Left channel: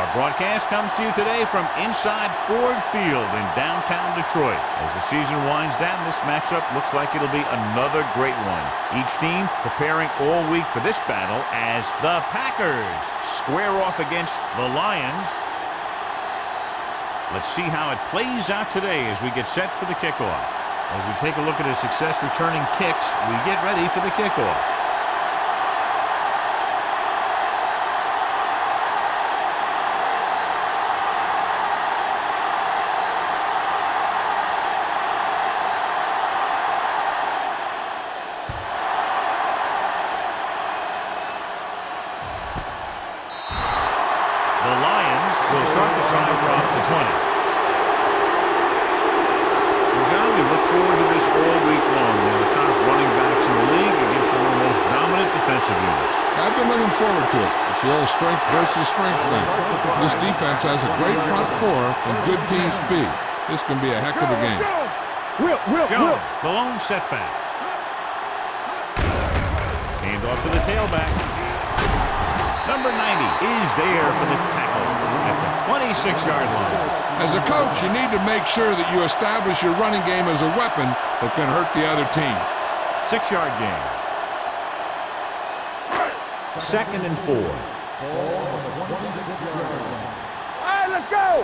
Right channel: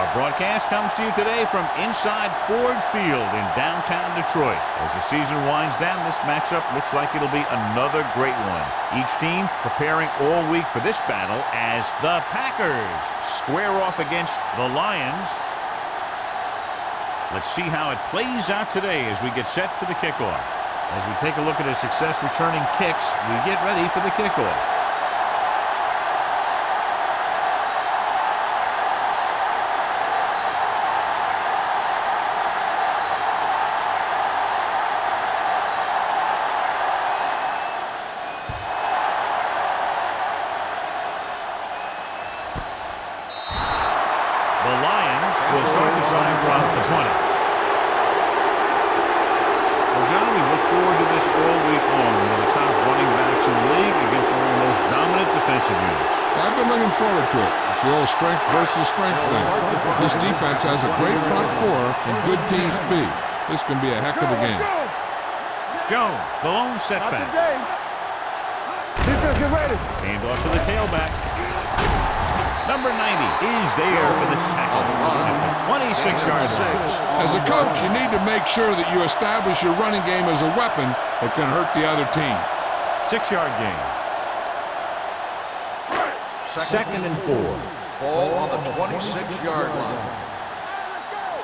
Our broadcast comes to you today from inside Ford Field in downtown Detroit. As the season winds down, this matchup looks like it'll be another great one. Each team preparing all week for this battle as the Packers square off against the Lions. Let's see how it plays out today as we get set for the kickoff. As we take a look at his success returning kicks, we get ready for the kickoff. The Lions will start the drive from the 20. Well, John, we've looked forward to this all week long. One of the top running backs in the league against one of the most dominant defensive units. I've been looking forward to it. It's the old strength versus strength thing. This defense has a great front four and good team speed. This can be a heck of a game. Jones, the lone setback. Hand off to the tailback. Number 90 is there for the tackle at the 26-yard line. As a coach, you need to make sure that you establish your running game as a weapon that can hurt the other team. 6-yard gain. Second and 4. Ball on the 26-yard line. Let's go.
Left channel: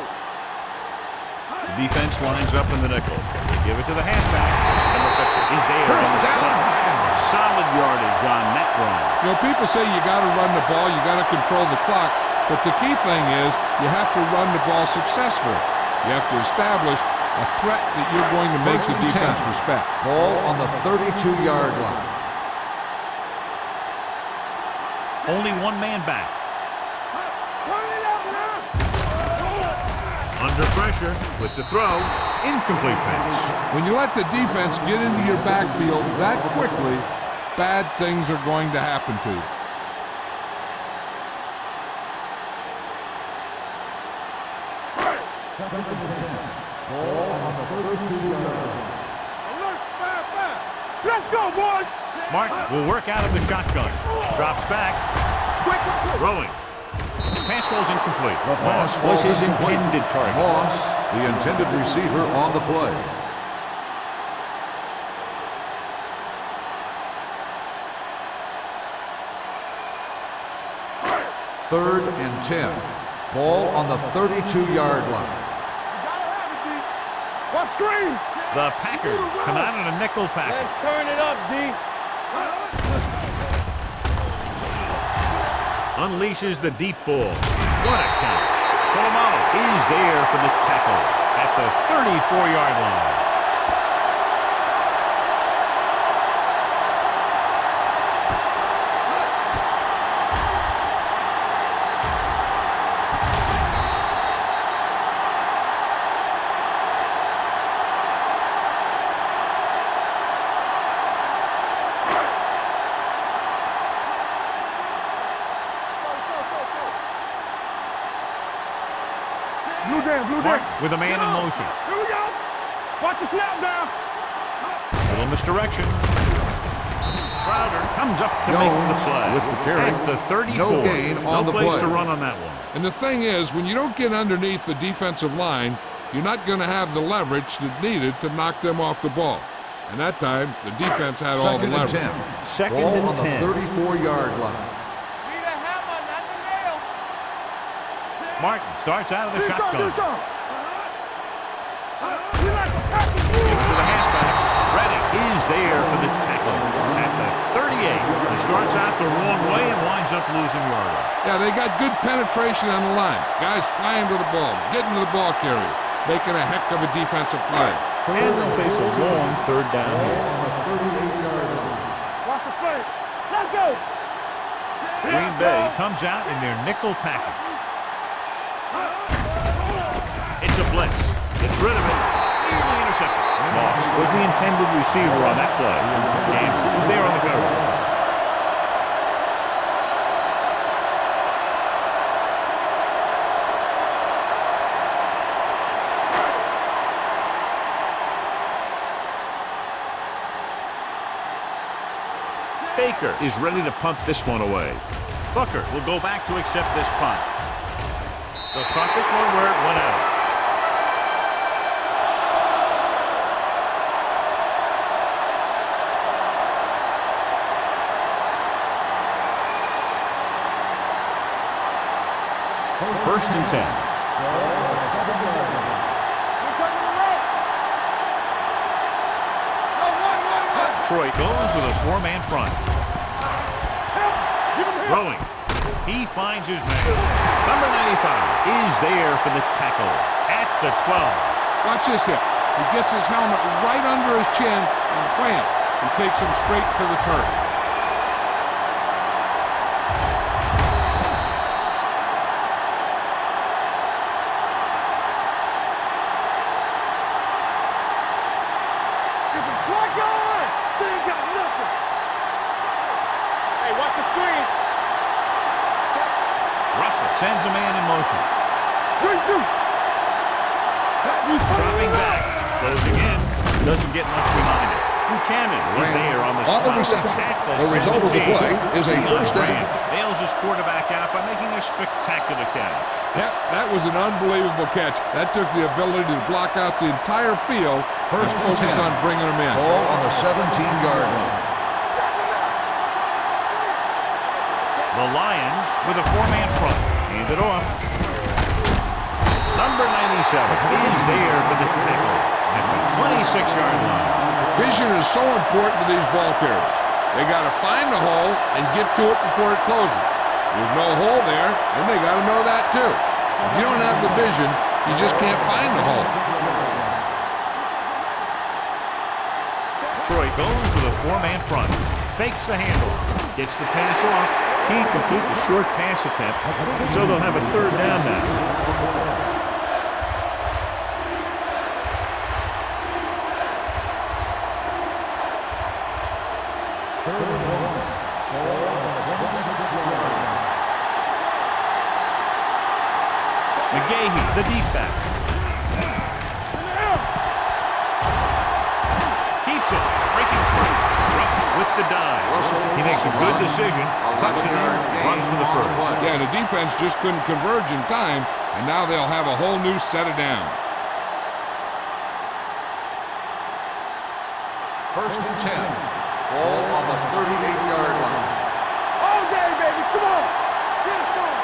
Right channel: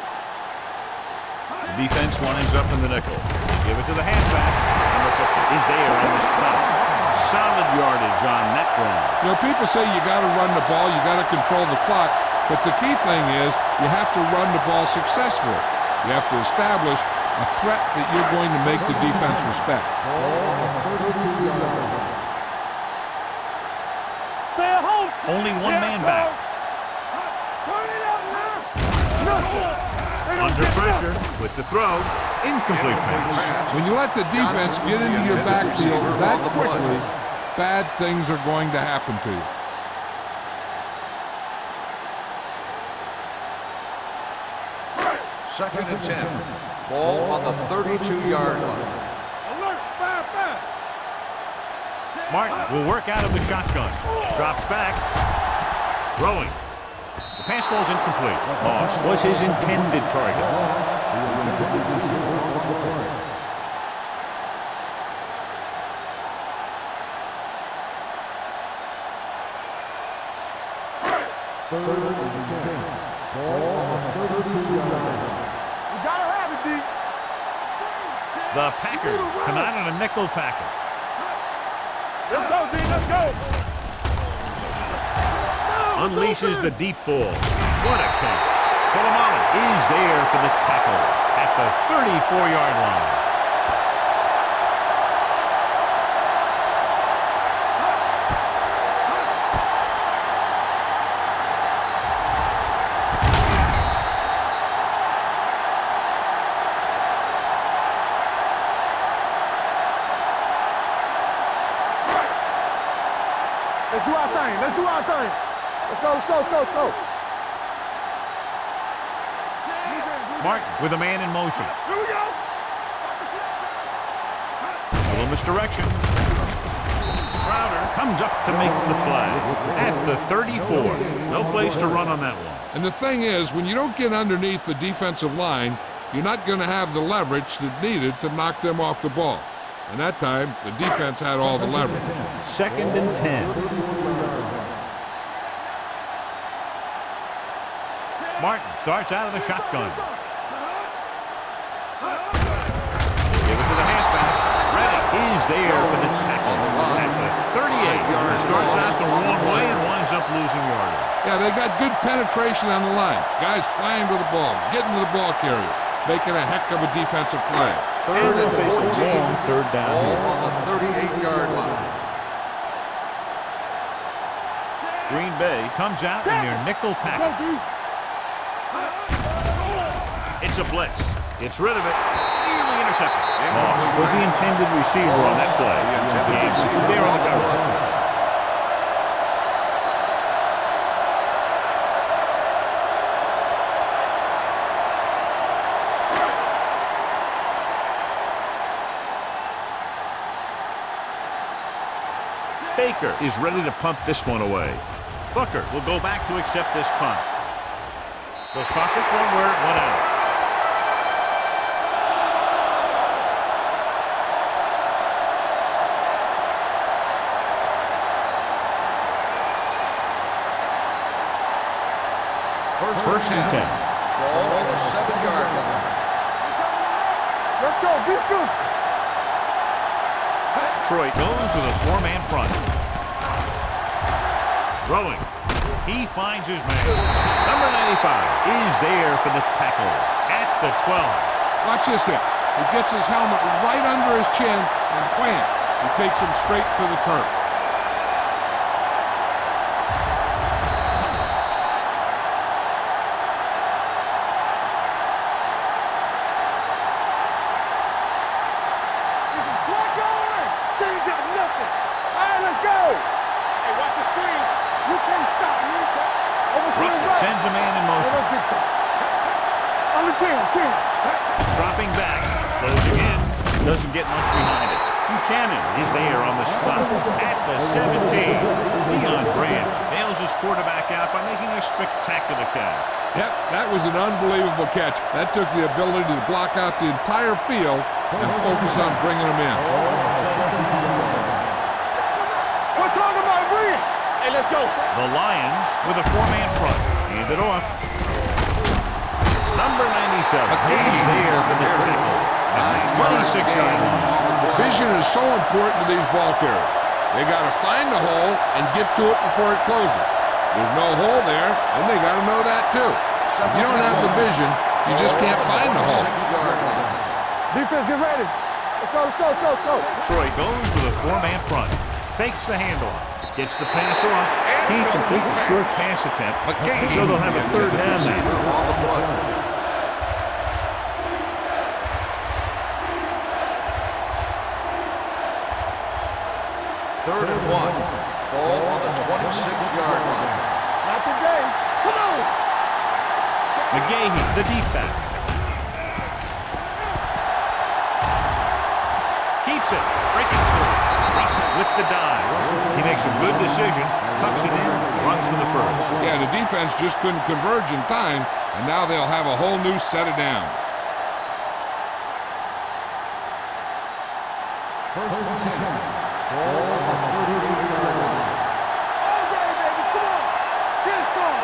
The defense lines up in the nickel. They give it to the halfback. Number 50 is there on the stop. Solid yardage on that run. You know, people say you got to run the ball, you got to control the clock, but the key thing is you have to run the ball successfully. You have to establish a threat that you're going to make the defense respect. Ball on the 32-yard line. Only one man back. Turn it up now. Under pressure with the throw. Incomplete pass. When you let the defense get into your backfield that quickly, bad things are going to happen to you. Second and 10. Ball on the 32-yard line. Alert, 5-5. Let's go, boys. Martin will work out of the shotgun. Drops back. Throwing. Pass falls incomplete. Moss was his intended target. Moss, the intended receiver on the play. Third and 10. Ball on the 32-yard line. You gotta have it, D. What screen? The Packers come out in a nickel package. Let's turn it up, D. Let's go, D. Let's go. Unleashes the deep ball. What a catch. Polamalu is there for the tackle at the 34-yard line. Let's do our thing. Let's do our thing. Let's go, let's go, let's go, let's go. Blue down, blue Martin down. with a man in motion. Here we go. Watch the snap down. Little misdirection. Crowder comes up to make the play at the 34. No place to run on that one. And the thing is, when you don't get underneath the defensive line, you're not going to have the leverage that's needed to knock them off the ball. And that time, the defense had all the leverage. Second and 10. 34-yard line. Martin starts out of the shotgun. This on. Give it to the halfback. Redding is there for the tackle at the 38. He starts out the wrong way and winds up losing yardage. Yeah, they got good penetration on the line. Guys flying to the ball, getting to the ball carrier, making a heck of a defensive play. And they'll face a long third down here. On the 38-yard line. Let's go. Green Bay comes out in their nickel package. It's a blitz. Gets rid of it. Nearly intercepted. Moss was the intended receiver on that play. Gaines was there on the coverage. Baker is ready to punt this one away. Booker will go back to accept this punt. They'll spot this one where it went out. First and 10. Ball on the 7-yard line. We coming to right. Let's go. Beat through. Detroit goes with a 4-man front. Throwing. He finds his man. Number 95 is there for the tackle at the 12. Watch this hit. He gets his helmet right under his chin, and wham, he takes him straight to the turf. Get some slack going. They ain't got nothing. All right, let's go. Hey, watch the screen. You can't stop. Russell sends a man in motion. Good shoot. On the 10. Dropping back. Closing in. Doesn't get much behind it. Buchanan is there on the stop at the 17. Leon Branch bails his quarterback out by making a spectacular catch. Yep, that was an unbelievable catch. That took the ability to block out the entire field and focus on bringing them in. Ball on the 17-yard line. We're talking about bring. Hey, let's go. The Lions with a 4-man front. Hand it off. Number 97 is there for the tackle at the 26-yard line. Vision is so important to these ball carriers. They got to find the hole and get to it before it closes. There's no hole there, and they got to know that too. If you don't have the vision, you just can't find the hole. Defense, get ready. Let's go, let's go, let's go, let's go. Detroit goes with a 4-man front. Fakes the handoff. Gets the pass off. Can't complete the short pass attempt, so they'll have a 3rd down now. Third and 1. Ball on the 26-yard line. McGahee, the deep back. Keeps it. Breaking free. Russell with the dive. He makes a good decision. Tucks it in. Runs for the first. Yeah, the defense just couldn't converge in time, and now they'll have a whole new set of downs. First and 10. Ball on the 38-yard line. All day, baby. Come on. Get it on.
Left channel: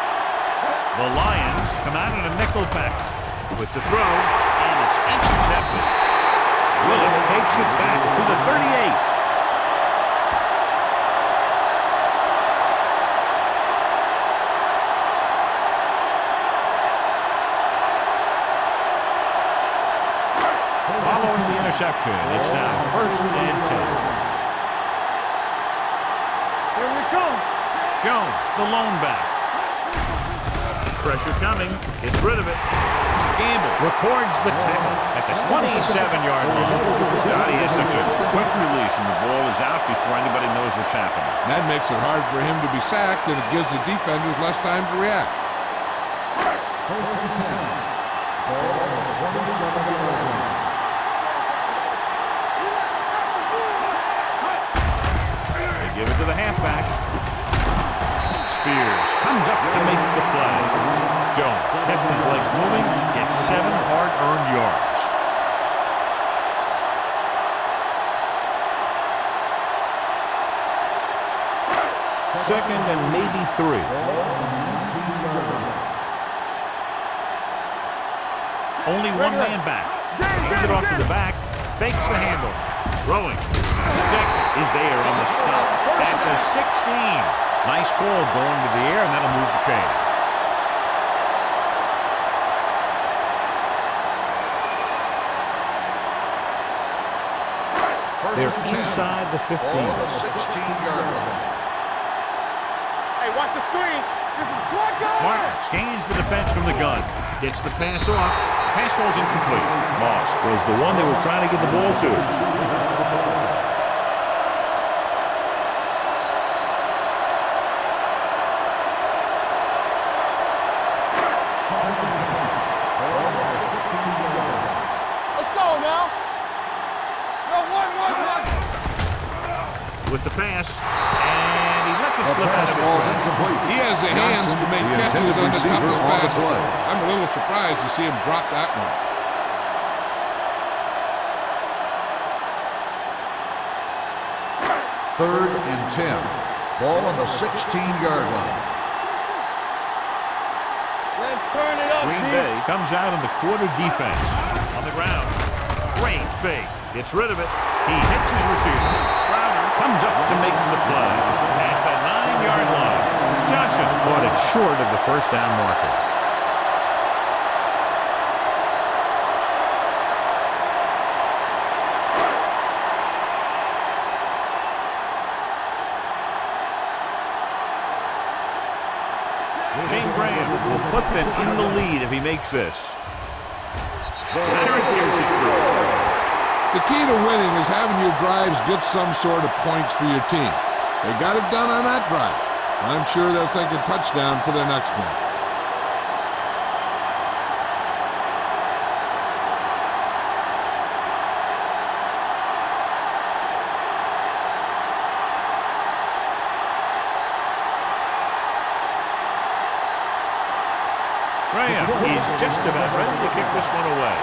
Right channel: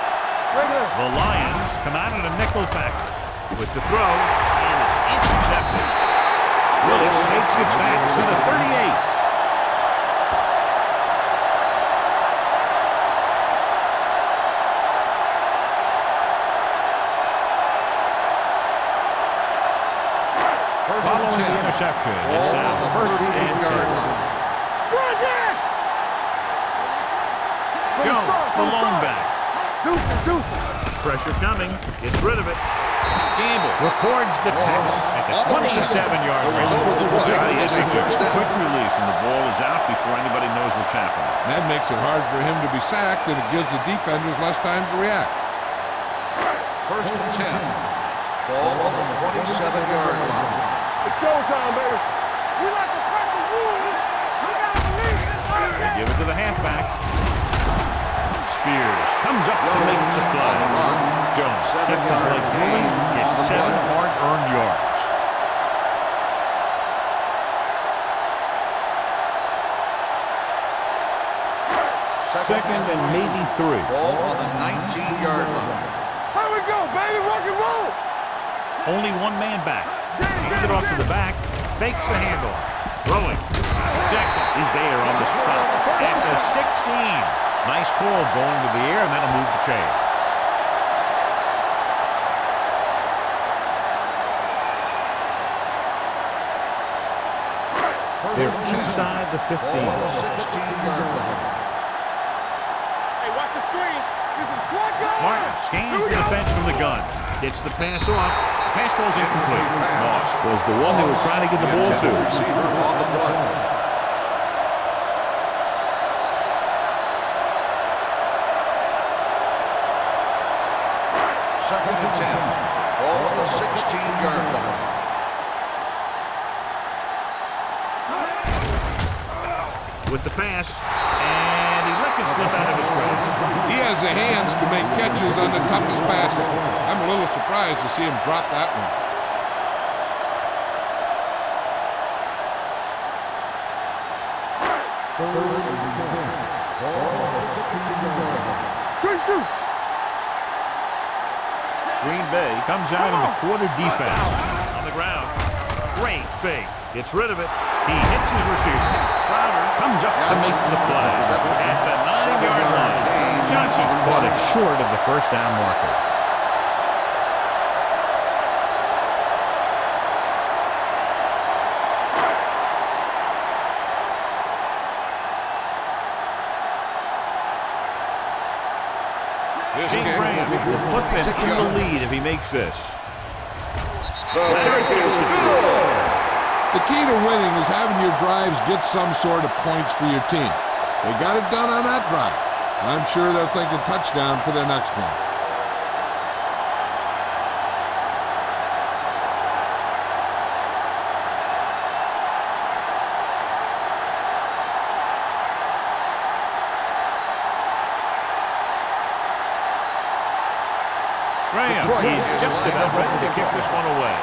The Lions come out in a nickel package with the throw, and it's intercepted. Willis takes it back to the 38. Following the interception, it's now 1st and 10. Jones, the lone back. Pressure coming. Gets rid of it. Gamble records the tackle at the 27-yard line. God, he has such a quick release, and the ball is out before anybody knows what's happening. That makes it hard for him to be sacked, and it gives the defenders less time to react. First and 10. Ball on the 27-yard line. It's showtime, baby. We like to crack the wood. They give it to the halfback. Spears comes up to make the play. Jones kept his legs moving, gets 7 hard-earned yards. Second and maybe 3. Ball on the 19-yard line. Here we go, baby. Rock and roll. Only 1 man back. Hands it off to the back. Fakes the handoff. Throwing. Jackson is there on the stop at the 16. Nice call going to the air, and that'll move the chains. They're inside the 15. Ball on the 16-yard line. Hey, watch the screen. Get some slack going. Martin scans the defense from the gun. Gets the pass off. The pass falls incomplete. Moss was the one they were trying to get the ball to. Receiver on the play. Second and 10. Ball on the 16-yard line. Let's go now. Go, one. With the pass, and and he lets it slip out of his grasp. He has the hands to make catches on the toughest passes. I'm a little surprised to see him drop that one. Third and 10. Ball on the 16-yard line. Green Bay comes out in the quarter defense. On the ground. Great fake. Gets rid of it. He hits his receiver. Crowder comes up to make the play. At the 9-yard line, Johnson caught it short of the first down marker. Shane Graham will put them in the lead if he makes this. Leonard kicks it through. The key to winning is having your drives get some sort of points for your team. They got it done on that drive. I'm sure they're thinking touchdown for their next one. Graham is just about ready to kick this one away.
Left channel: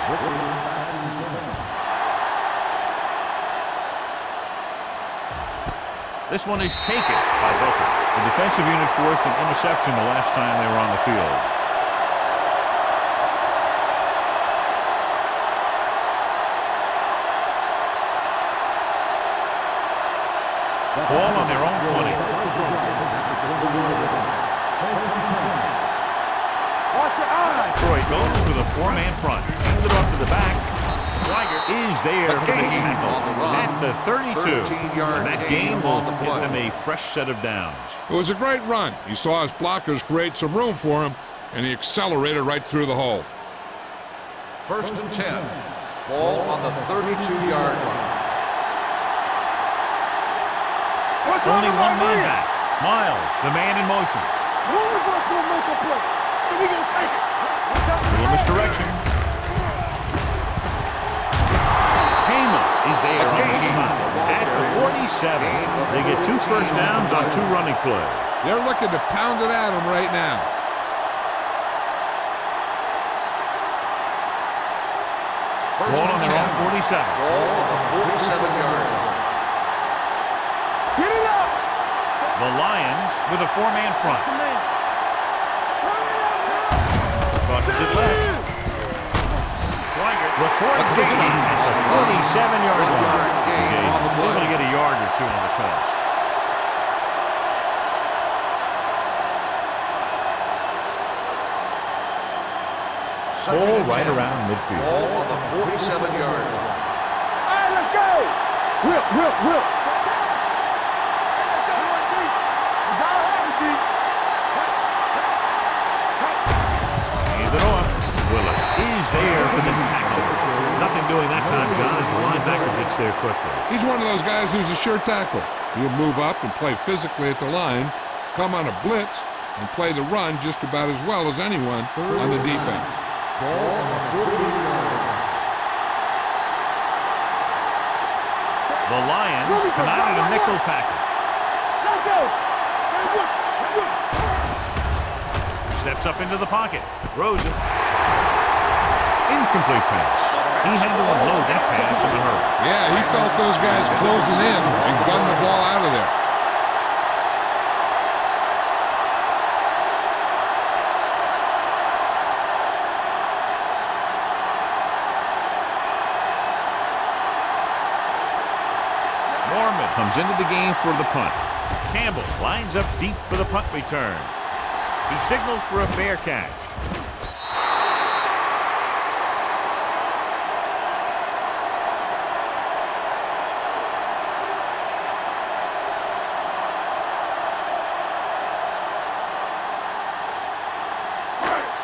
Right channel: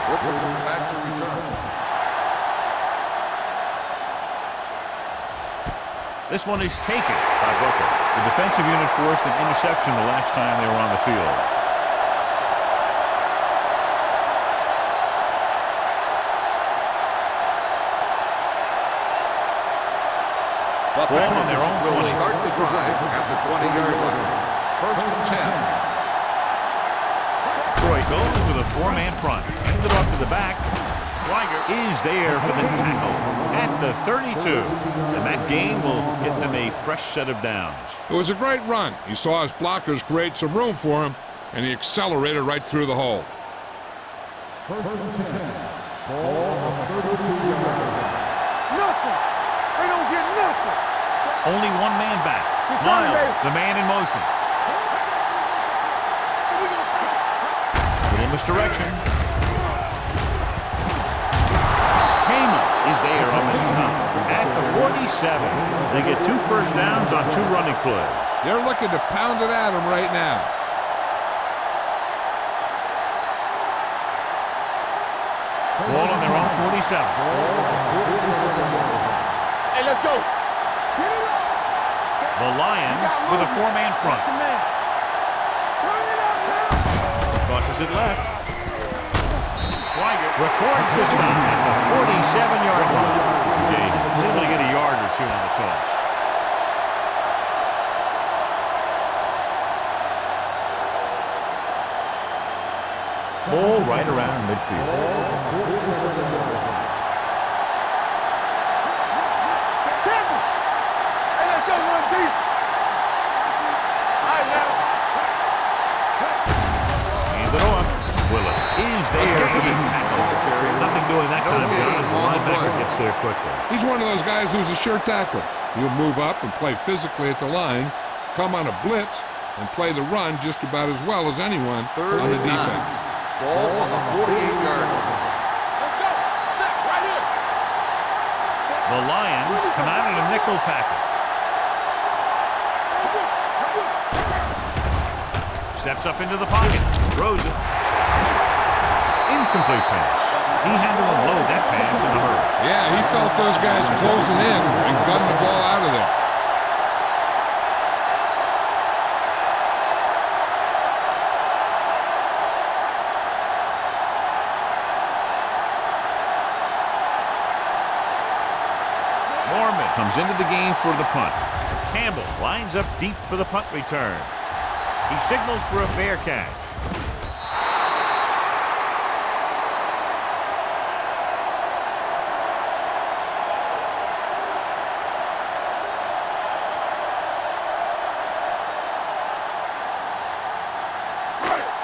This one is taken by Booker. The defensive unit forced an interception the last time they were on the field. Ball on their own 20. Start the drive at the 20-yard line. First and 10. Troy goes with a four-man front. Hand it off to the back. Schweiger is there for the tackle at the 32. And that gain will get them a fresh set of downs. It was a great run. He saw his blockers create some room for him, and he accelerated right through the hole. First and 10. Ball on the 32-yard line. Only one man back. Miles, the man in motion. Little misdirection. Hema is there on the stop at the 47. They get 2 first downs on 2 running plays. They're looking to pound it at him right now. Ball on their own 47. Ball on the 47-yard line. Hey, let's go. Get it up. The Lions with a 4-man front. Turn it up now. Crosses it left. Schweiger records the stop at the 47-yard line. He's able to get a yard or 2 on the toss. Ball right around midfield. Ball on the 47-yard line. Hey, let's go. Whip. Tackle. Hey, let's go. Run deep. Hand it off. Willis is there for the tackle. Nothing doing that time, John, as the linebacker gets there quickly. He's one of those guys who's a sure tackler. He'll move up and play physically at the line, come on a blitz, and play the run just about as well as anyone on the defense. Ball on the 48-yard line. The Lions come out in a nickel package. Steps up into the pocket. Throws it. Incomplete pass. He had to unload that pass in a hurry. Yeah, he felt those guys closing in and gunning the ball out of there. Mormon comes into the game for the punt. Campbell lines up deep for the punt return. He signals for a fair catch.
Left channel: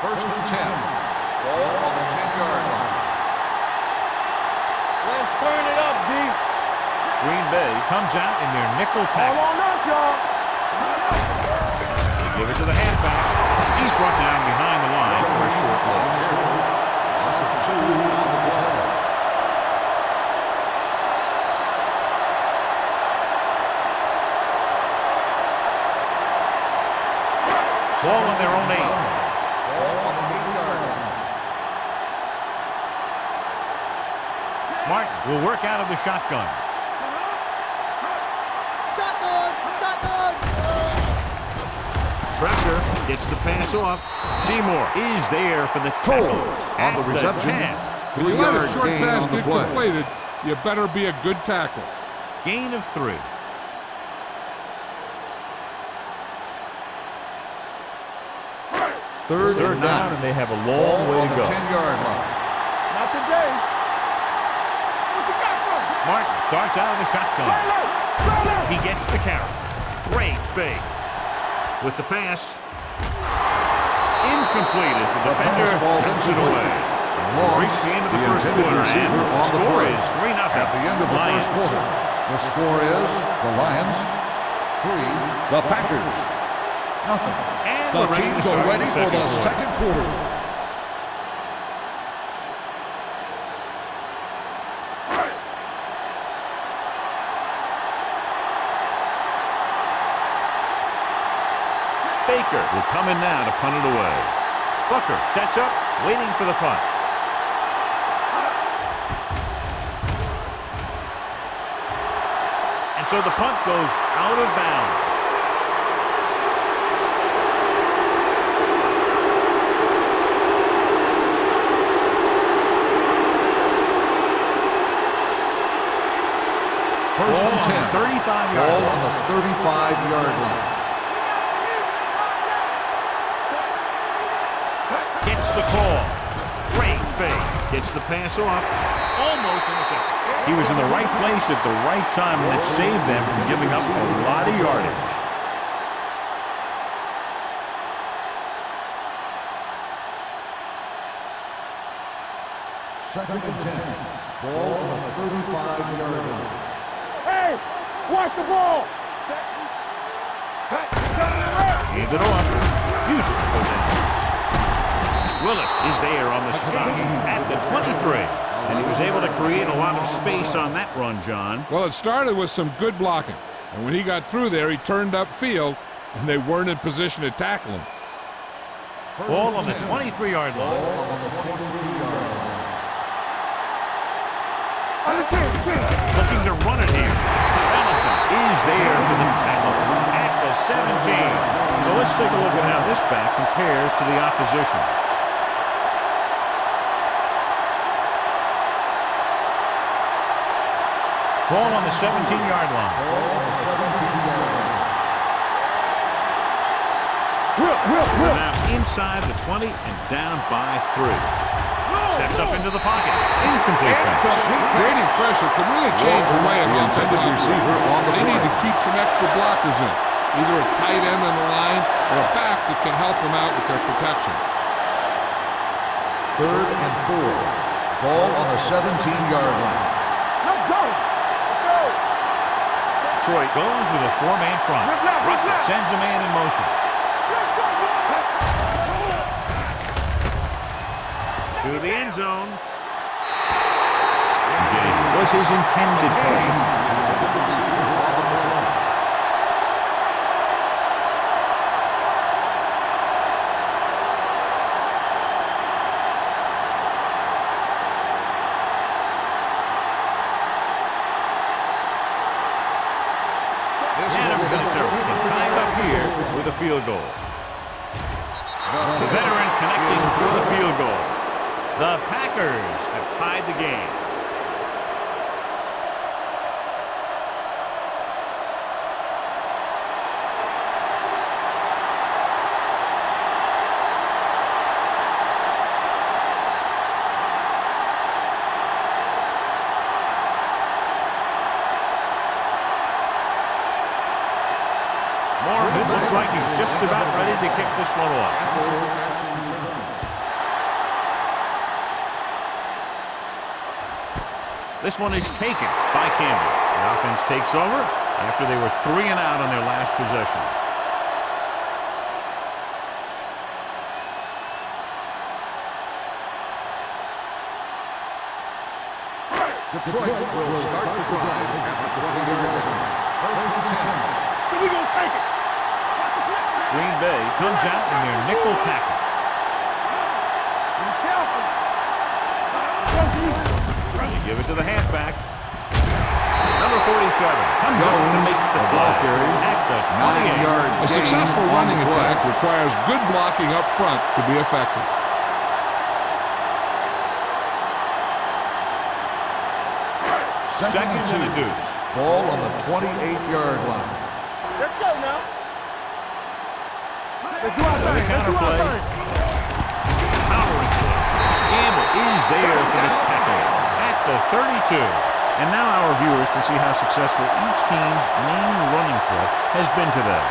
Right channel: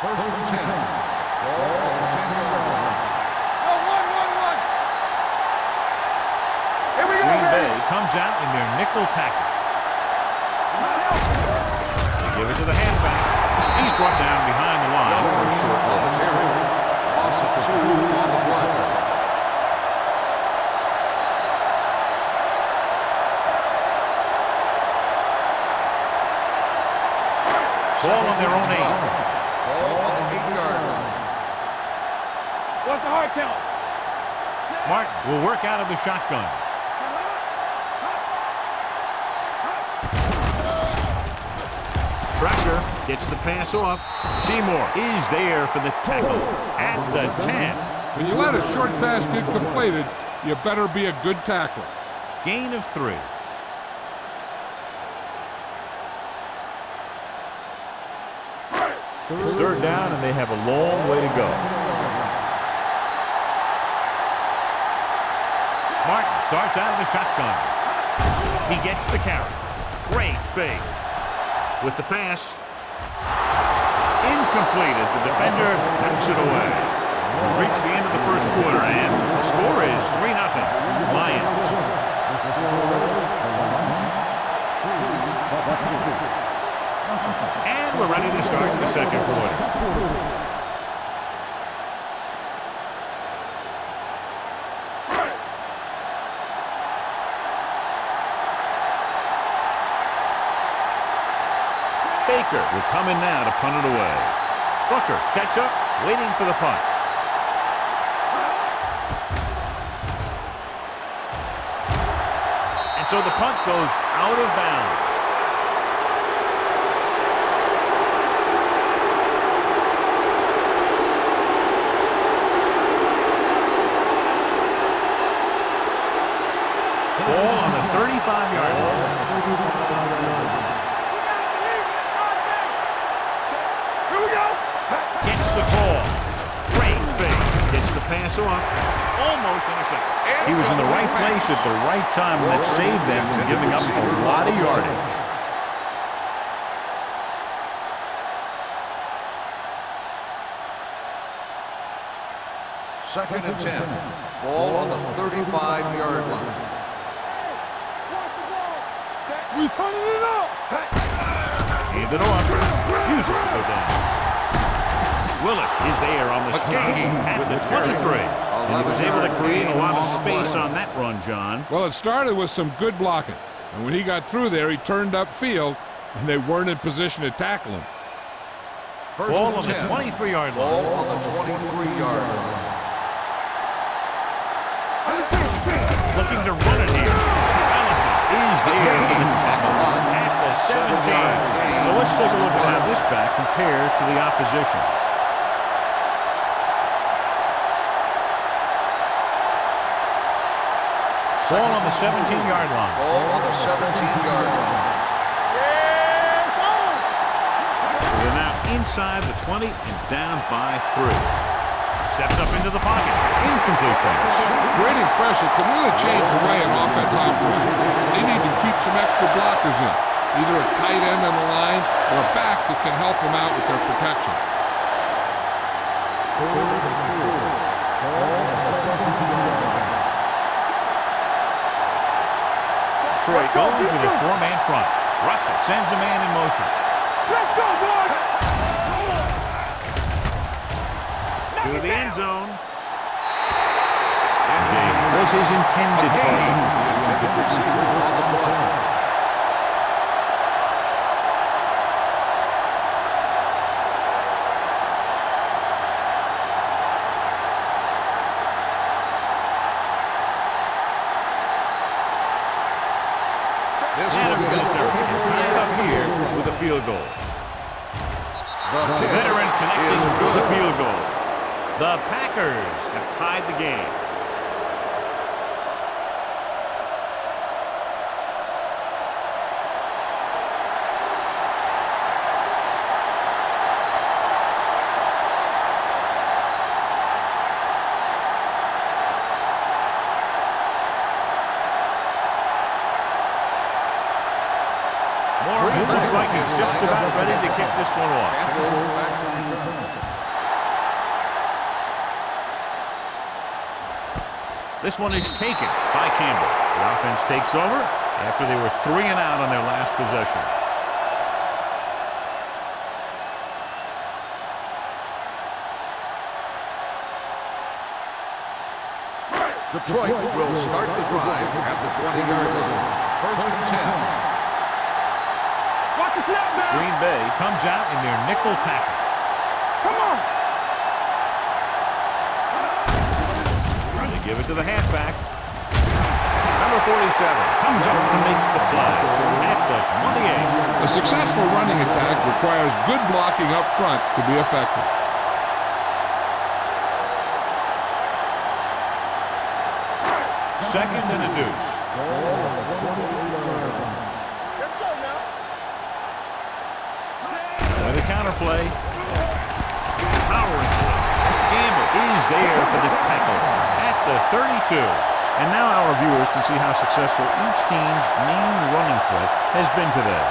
First and 10. Ball on the 10-yard line. Let's turn it up, D. Here we go. Green Bay comes out in their nickel package. They give it to the halfback. He's brought down behind the line for a short loss. Loss of 2 on the play. Ball on their own 8. Ball on the 8-yard line. What's the hard count? Martin will work out of the shotgun. Pressure gets the pass off. Seymour is there for the tackle at the 10. When you let a short pass get completed, you better be a good tackler. Gain of 3. It's third down, and they have a long way to go. Not today. Martin starts out of the shotgun. He gets the carry. Great fake. With the pass. Incomplete as the defender knocks it away. We've reached the end of the first quarter, and the score is 3-0. Lions. The score is the Lions 3, the Packers nothing. And we're ready to start the second quarter. Baker will come in now to punt it away. Booker sets up, waiting for the punt. And so the punt goes out of bounds. Ball on the 35-yard line. Ball on the 35-yard line. Gets the call. Great fake. Gets the pass off. Almost intercepted. He was in the right place at the right time, and that saved them from giving up a lot of yardage. Second and 10. Ball on the 35-yard line. Hey, watch the ball. We turning it up. Hand it off. Refuses to go down. Willis is there on the stop at the 23. And he was able to create a lot of space on that run, John. Well, it started with some good blocking. And when he got through there, he turned upfield, and they weren't in position to tackle him. Ball on the 23-yard line. Ball on the 23-yard line. Looking to run it here. Valentine is there for the tackle at the 17. So let's take a look at how this back compares to the opposition. Ball on the 17-yard line. Ball on the 17-yard line. We're now inside the 20 and down by 3. Steps up into the pocket. Incomplete pass. Grading pressure can really change the way an offense operates. They need to keep some extra blockers in, either a tight end on the line or a back that can help them out with their protection. Third and 4. Ball on the 17-yard line. Detroit goes with a 4-man front. Russell sends a man in motion. Let's go, boys. To the end zone. Gay was his intended target. The intended receiver on the play. Adam Vinatieri can tie it up here with a field goal. The veteran connecting for the field goal. The Packers have tied the game. Morgan looks like he's just about ready to kick this one off. Campbell back to return. This one is taken by Campbell. The offense takes over after they were 3 and out on their last possession. Detroit will start the drive at the 20-yard line. First and 10. We're going to take it. Watch the Green Bay comes out in their nickel package. They give it to the halfback. Number 47 comes up to make the play at the 28. A successful running attack requires good blocking up front to be effective. Second and a deuce. Ball on the 28-yard line. Let's go now. With a counter play. Powering play. Gamble is there for the tackle at the 32. And now our viewers can see how successful each team's main running threat has been today.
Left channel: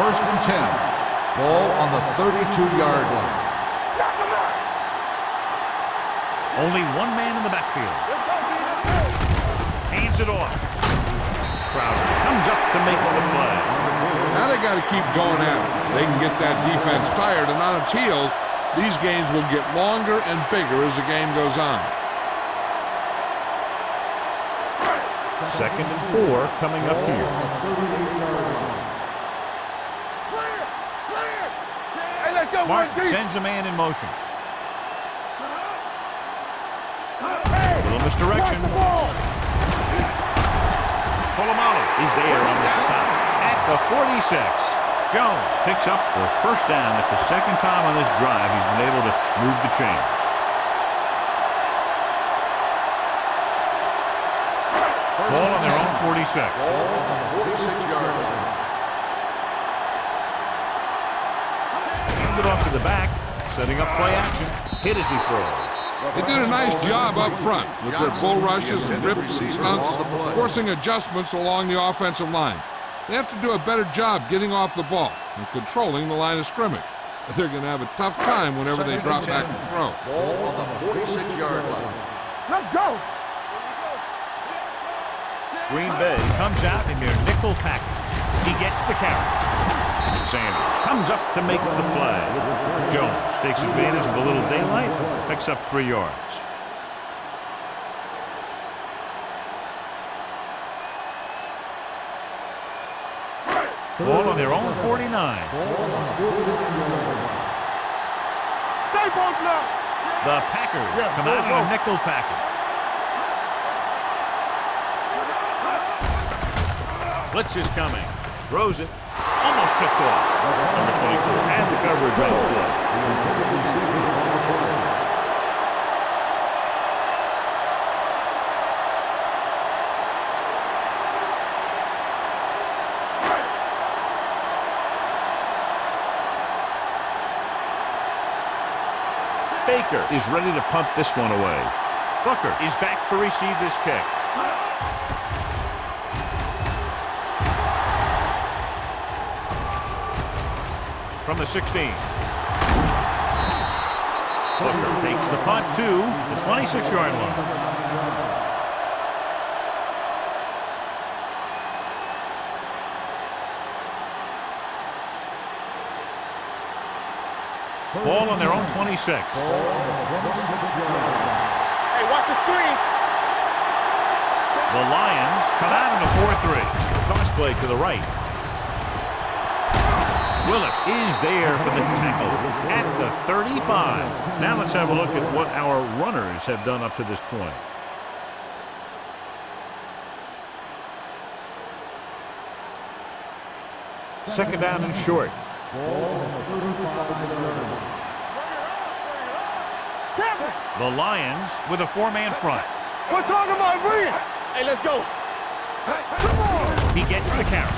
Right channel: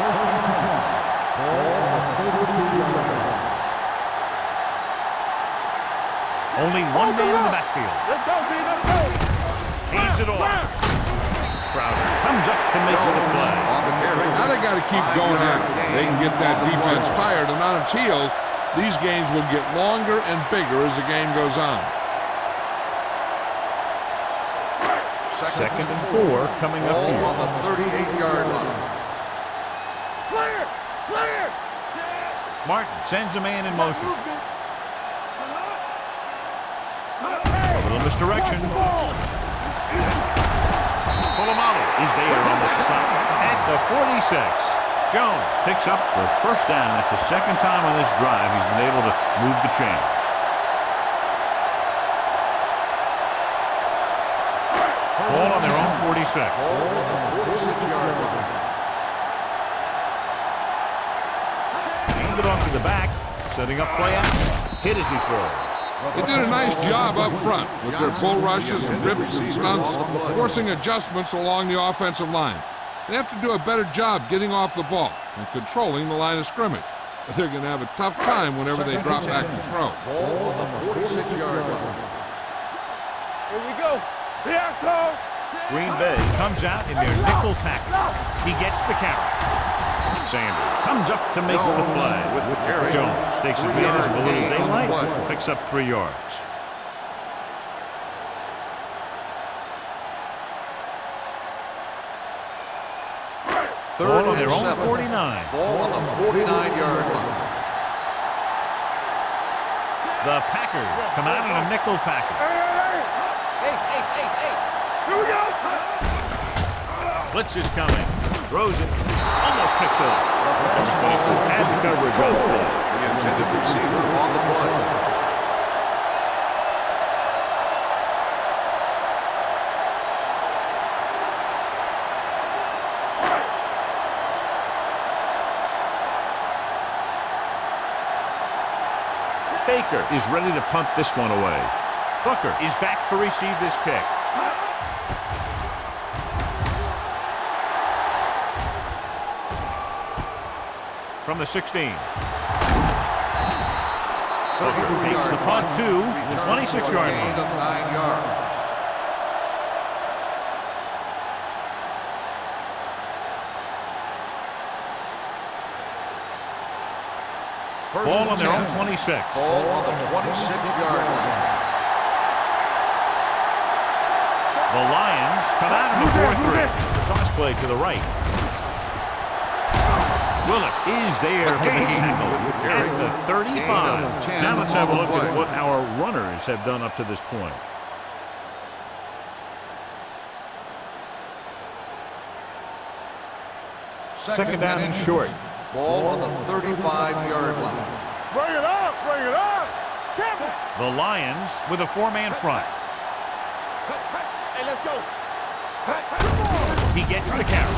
First and 10. Ball on the 32-yard line. Only one man in the backfield. Let's go, B. Let's go. Hands it off. Crowder comes up to make the play. Now they got to keep going at it. They can get that defense tired and on its heels. These games will get longer and bigger as the game goes on. Second and 4 coming up here. On the 38-yard line. Clear! Clear! Hey, let's go. Martin sends a man in motion. A little misdirection. Polamalu is there on the stop at the 46. Jones picks up the first down. That's the second time on this drive he's been able to move the chains. Ball on their own 46. Ball on the 46-yard line. Hand it off to the back, setting up play action. Hit as he throws. They did a nice job up front with their bull rushes and rips and stunts, forcing adjustments along the offensive line. They have to do a better job getting off the ball and controlling the line of scrimmage. They're going to have a tough time whenever they drop back to throw. Ball on the 46-yard line. Let's go. Here we go. Here I come. Green Bay comes out in their nickel package. He gets the carry. Sanders comes up to make the play. Jones takes advantage of a little daylight, picks up 3 yards. Ball on their own 49. Ball on the 49-yard line. Stay both now. The Packers come out in a nickel package. Blitz is coming. Throws it. Almost picked off. Number 24 had the coverage on the play. The intended receiver on the play. Baker is ready to punt this one away. Booker is back to receive this kick. From the 16. Booker takes the punt to the 26-yard line. Ball on their own 26. Ball on the 26-yard line. Hey, watch the screen. The Lions come out in a 4-3. Toss play to the right. Willis is there for the tackle at the 35. Now let's have a look at what our runners have done up to this point. Second down and short. Ball on the 35-yard line. Bring it up. Bring it up. Careful. The Lions with a 4-man front. We're talking about bring it. Hey, let's go. Come on. He gets the carry.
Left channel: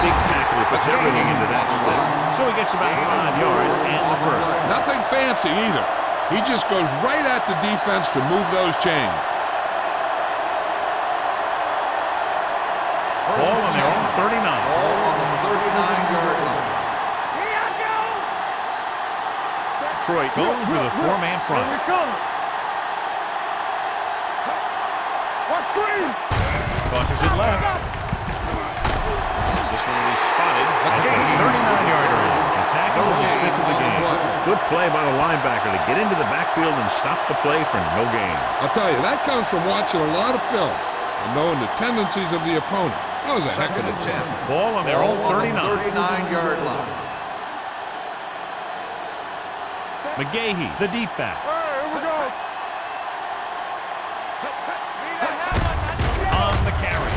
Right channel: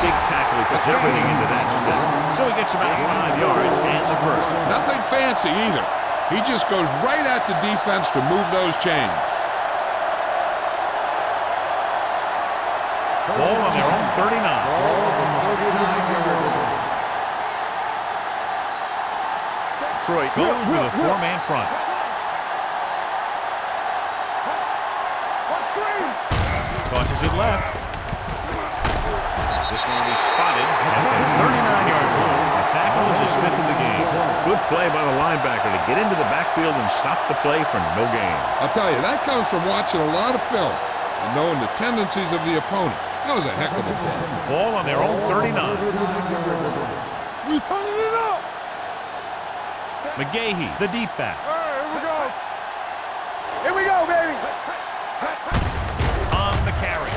Big tackle. He puts everything into that step. So he gets about 5 yards and the first. Nothing fancy either. He just goes right at the defense to move those chains. Ball on their own 39. Ball on the 39-yard line. Detroit goes with a 4-man front. What screen? Tosses it left. This one will be spotted at the 39-yard line. The tackle is his 5th of the game. Good play by the linebacker to get into the backfield and stop the play for no gain. I'll tell you, that comes from watching a lot of film. and knowing the tendencies of the opponent. That was a heck of a 10. Ball on their own 39. 39-yard line. You turning it up. McGahee, the deep back. All right, here we go. Here we go, baby. On the carry.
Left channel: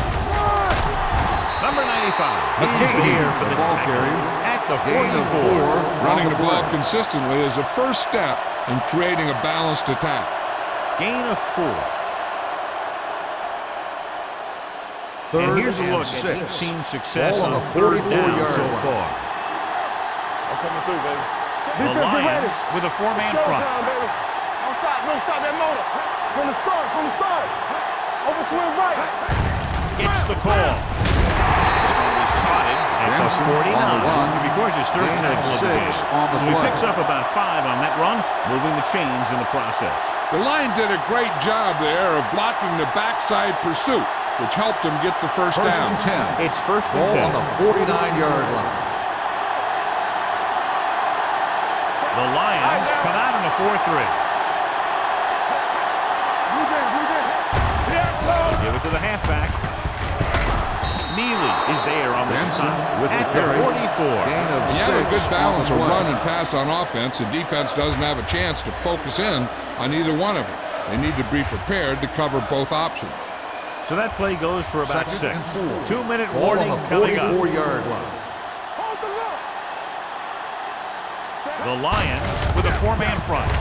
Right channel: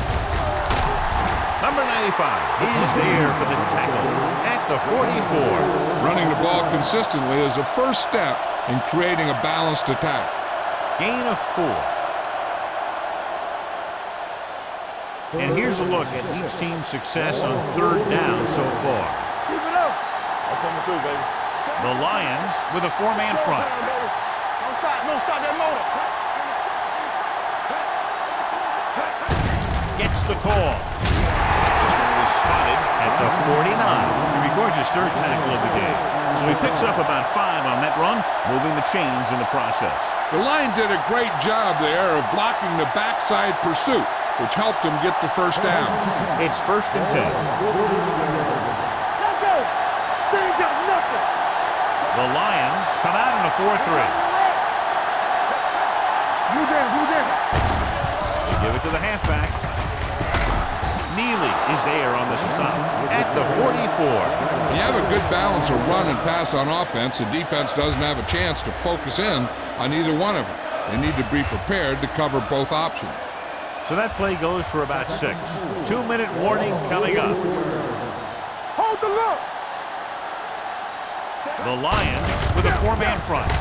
Number 95 is there for the tackle at the 44. Running the ball consistently is the first step in creating a balanced attack. Gain of 4. And here's a look at each team's success on third down so far. I'm coming through, baby. The Lions with a 4-man front. Showtime, baby. Don't stop that motor. From the start. Over swing right. Gets the call. This one was spotted at the 49. He records his third tackle of the game. So he picks up about 5 on that run, moving the chains in the process. The line did a great job there of blocking the backside pursuit, which helped him get the first down. It's 1st and 10. 49-yard line. They ain't got nothing. The Lions come out in a 4-3. Blue down. They give it to the halfback. Neely is there on the stop at the 44. When you have a good balance of run and pass on offense, the defense doesn't have a chance to focus in on either one of them. They need to be prepared to cover both options. So that play goes for about 6. 2-minute warning coming up. Hold the look. The Lions with a 4-man front.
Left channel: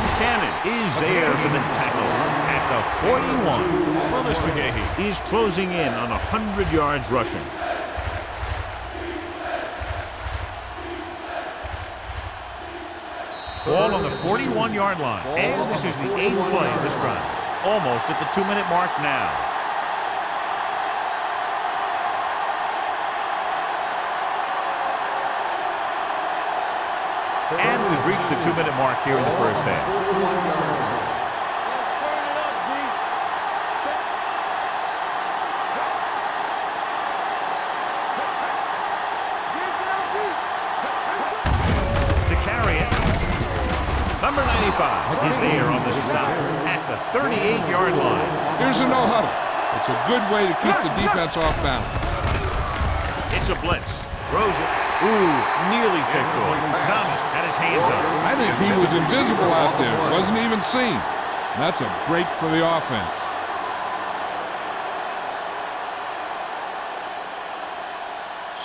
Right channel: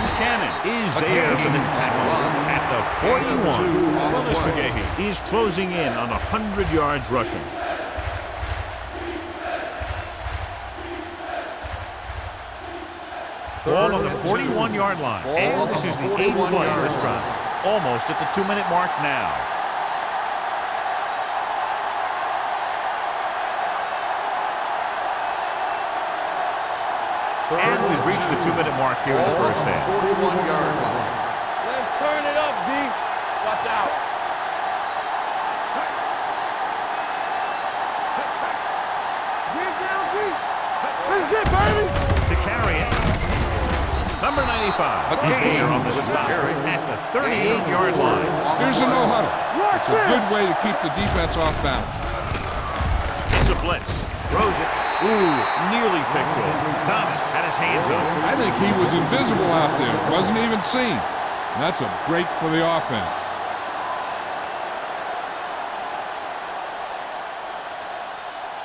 Buchanan is there for the tackle at the 41. Willis McGahee is closing in on 100 yards rushing. Ball on the 41-yard line. And this is the 8th play of this drive. Almost at the 2-minute mark now. And we've reached the 2-minute mark here in the first half. 41-yard line. Let's turn it up, D. Watch out. Get down deep. That's it, baby. To carry it. Number 95 is there on the stop at the 38-yard line. Here's a no huddle. It's a good way to keep the defense off balance. It's a blitz. Throws it. Ooh, nearly picked off. Thomas had his hands on it. I think he was invisible out there. Wasn't even seen. And that's a break for the offense.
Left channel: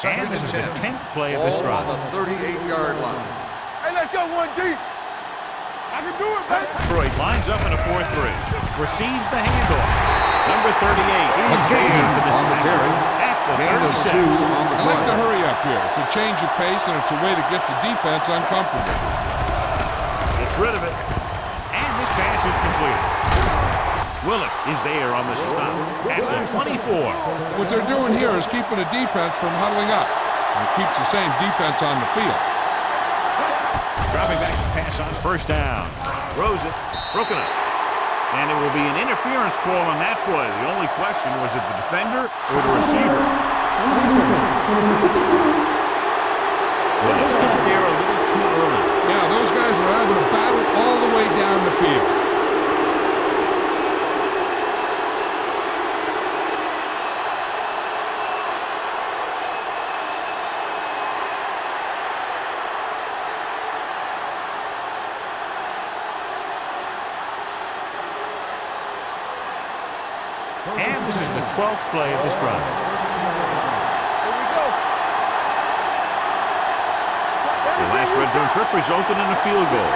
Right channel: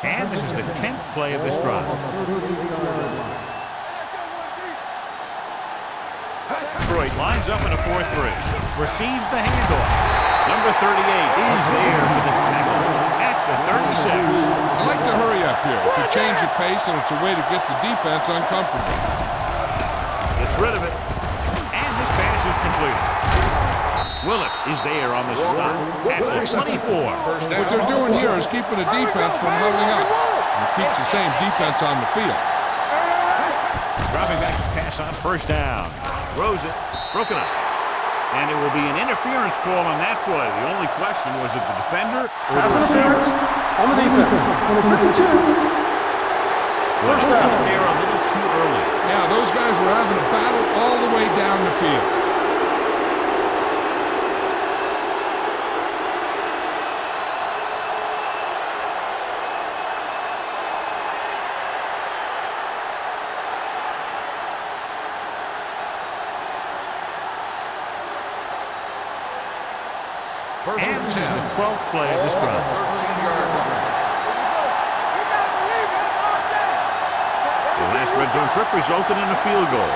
And this is the 10th play of this drive. Ball on the 38-yard line. Hey, let's go one deep. I can do it, baby. Detroit lines up in a 4-3. Receives the handoff. Number 38 is there for the tackle at the 36. I like to hurry up here. It's a change of pace, and it's a way to get the defense uncomfortable. Gets rid of it. And this pass is completed. Willis is there on the stop at the 24. What they're doing here is keeping the defense from huddling up. And it keeps the same defense on the field. Dropping back to pass on 1st down. Throws it. Broken up. And it will be an interference call on that play. The only question was it the defender or the receiver? On the defense. Number 52. Willis got there a little too early. Yeah, those guys were having a battle all the way down the field. And this is the 12th play of this drive. 13-yard line. Here we go. You gotta believe it. Lock that. The last red zone trip resulted in a field goal.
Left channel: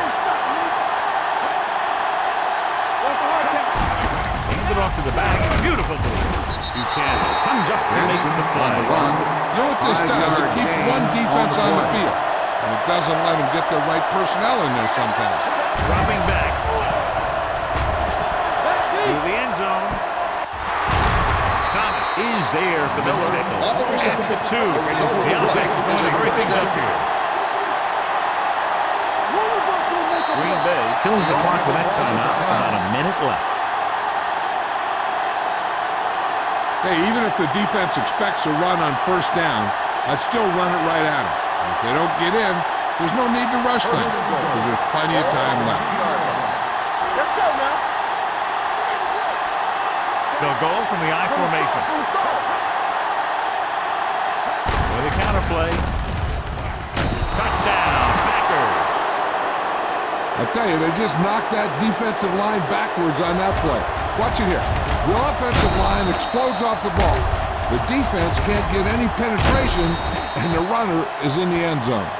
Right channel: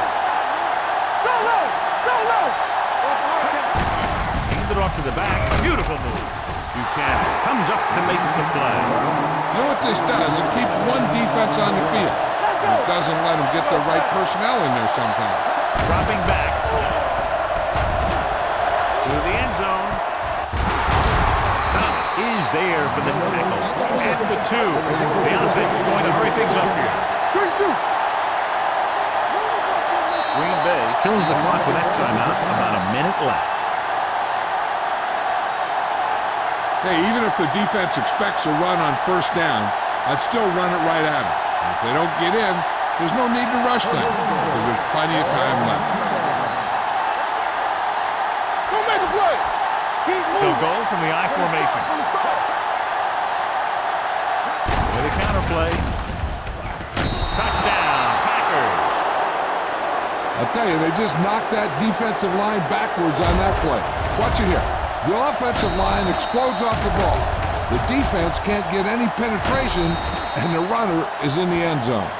Handed off to the back. Beautiful move. Buchanan comes up to make the play. You know what this does? It keeps one defense on the field. And it doesn't let them get the right personnel in there sometimes. Dropping back to the end zone. Thomas is there for the tackle at the 2. The offense is going to hurry things up here. Green Bay kills the clock with that timeout. About a minute left. Hey, even if the defense expects a run on 1st down, I'd still run it right at them. And if they don't get in, there's no need to rush them because there's plenty of time left. Let's go, man. Who made the play? They'll go from the I formation. With a counter play. Touchdown, Packers. I'll tell you, they just knocked that defensive line backwards on that play. Watch it here. The offensive line explodes off the ball. The defense can't get any penetration, and the runner is in the end zone.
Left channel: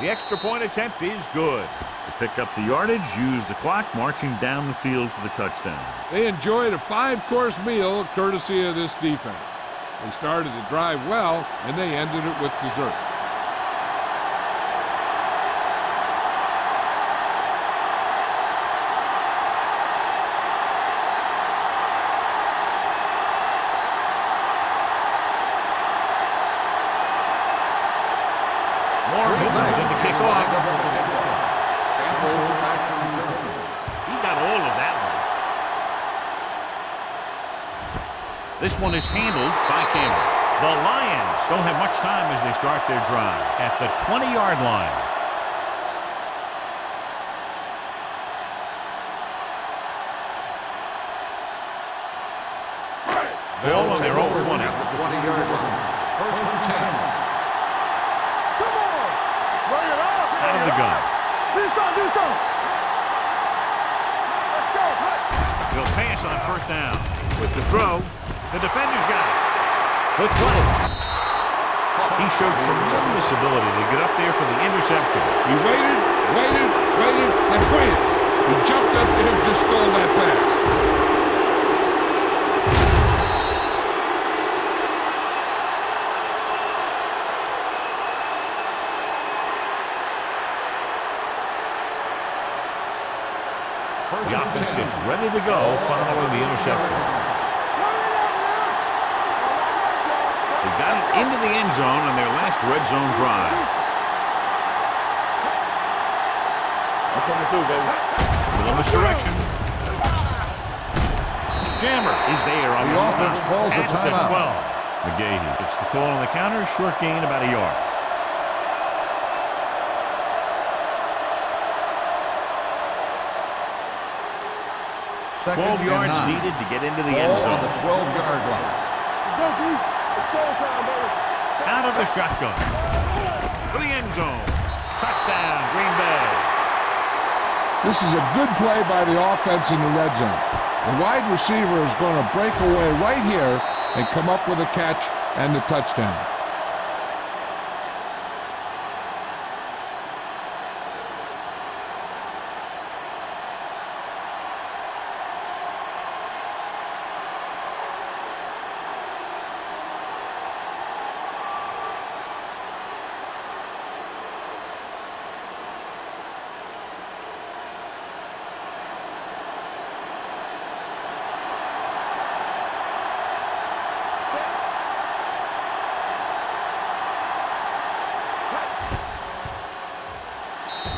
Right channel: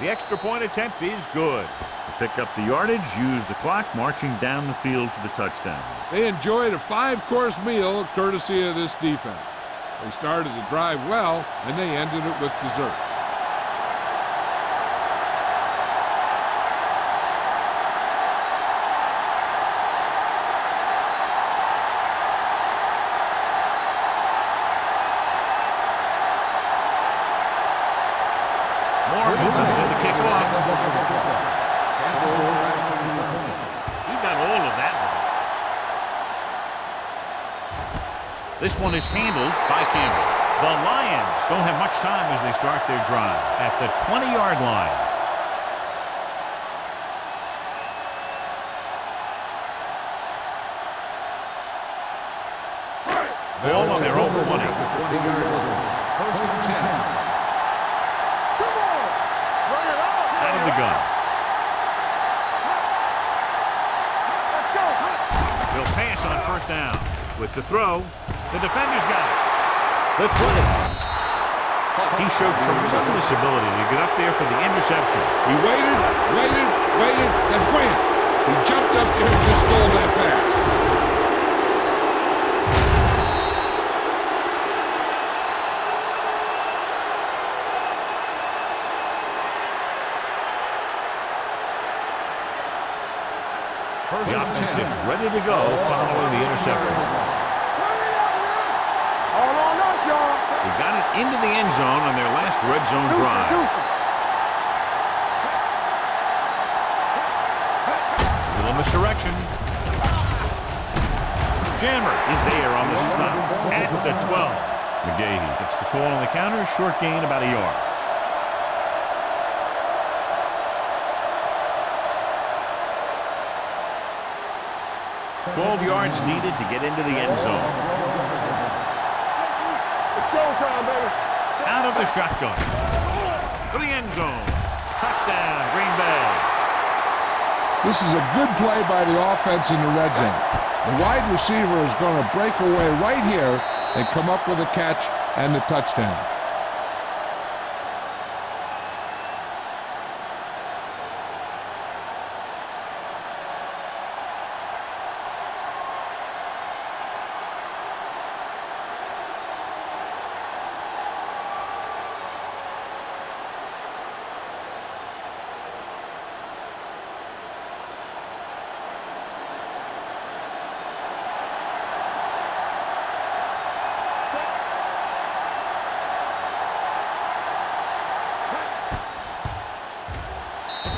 The extra point attempt is good. To pick up the yardage, use the clock, marching down the field for the touchdown. They enjoyed a 5-course meal courtesy of this defense. They started the drive well, and they ended it with dessert. Morgan comes in to kick off. Campbell back to return. He got all of that one. This one is handled by Campbell. The Lions don't have much time as they start their drive at the 20-yard line. Ball on their own 20. At the 20-yard line. First and 10. Come on! Bring it up! Out of the gun. Do something! Let's go! They'll pass on first down. With the throw, the defender's got it. The 20. He showed tremendous ability to get up there for the interception. He waited, then wham! He jumped up there and just stole that pass. The offense gets ready to go following the interception. They got it into the end zone on their last red zone drive. A little misdirection. Jammer is there on the stop at the 12. McGahee gets the call on the counter, short gain about a yard. 12 yards needed to get into the end zone. 12-yard line. It's showtime, baby. Out of the shotgun. For the end zone. Touchdown, Green Bay. This is a good play by the offense in the red zone. The wide receiver is going to break away right here and come up with a catch and the touchdown.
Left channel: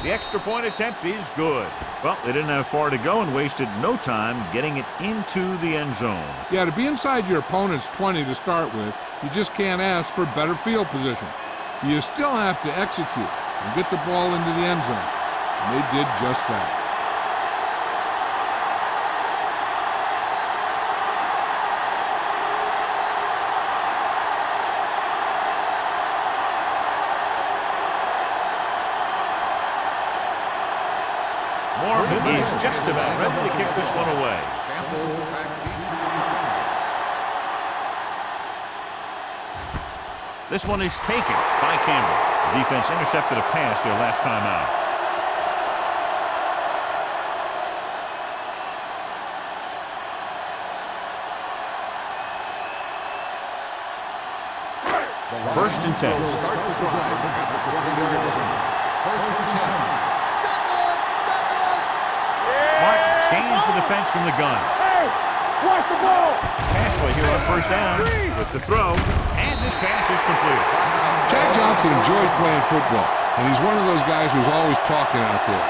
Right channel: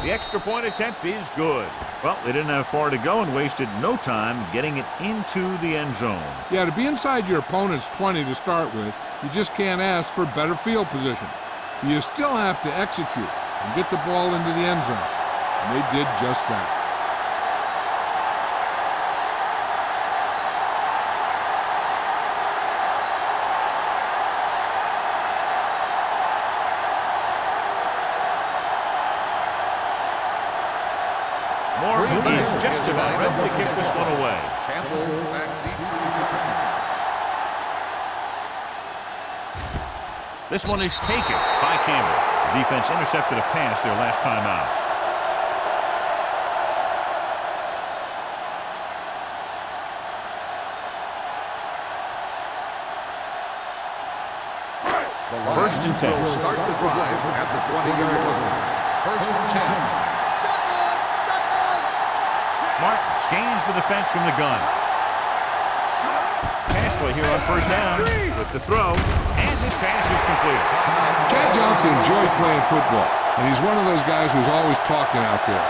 The extra point attempt is good. Well, they didn't have far to go and wasted no time getting it into the end zone. Yeah, to be inside your opponent's 20 to start with, you just can't ask for better field position. You still have to execute and get the ball into the end zone. And they did just that. Morgan is just about ready to kick this one away. Campbell back deep to return. This one is taken by Campbell. The defense intercepted a pass their last time out. First and 10. Will start the drive at the 20-yard line. First and 10. Martin scans the defense from the gun. Watch the ball. Pass play here on first down with the throw, and this pass is completed. Chad Johnson enjoys playing football, and he's one of those guys who's always talking out there.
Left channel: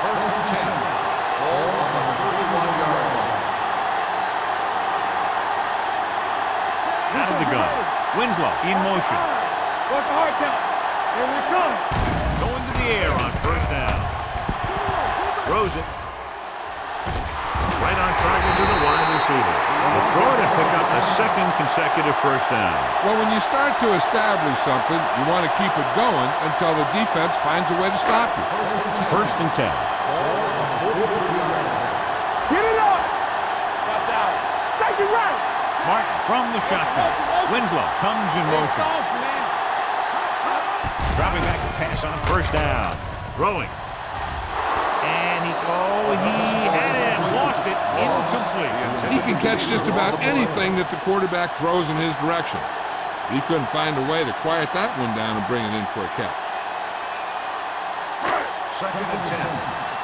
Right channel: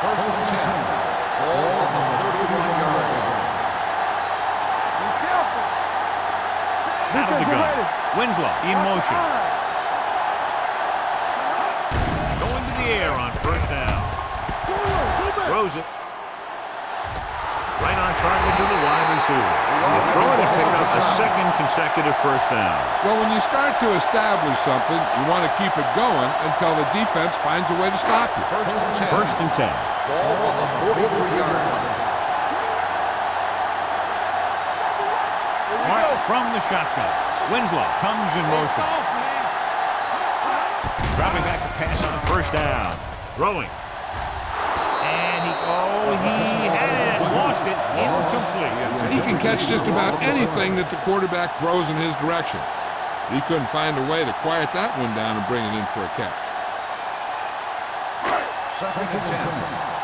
First and 10. Ball on the 31-yard line. Out of the gun. Winslow in motion. Going to the air on first down. Throws it. Right on target to the wide receiver. They throw it and pick up a second consecutive first down. Well, when you start to establish something, you want to keep it going until the defense finds a way to stop you. First and 10. First and 10. Ball on the 43-yard line. Martin from the shotgun. Winslow comes in motion. Dropping back to pass on first down. Throwing. And he had it and lost it. Incomplete. He can catch just about anything that the quarterback throws in his direction. He couldn't find a way to quiet that one down and bring it in for a catch. Second and 10.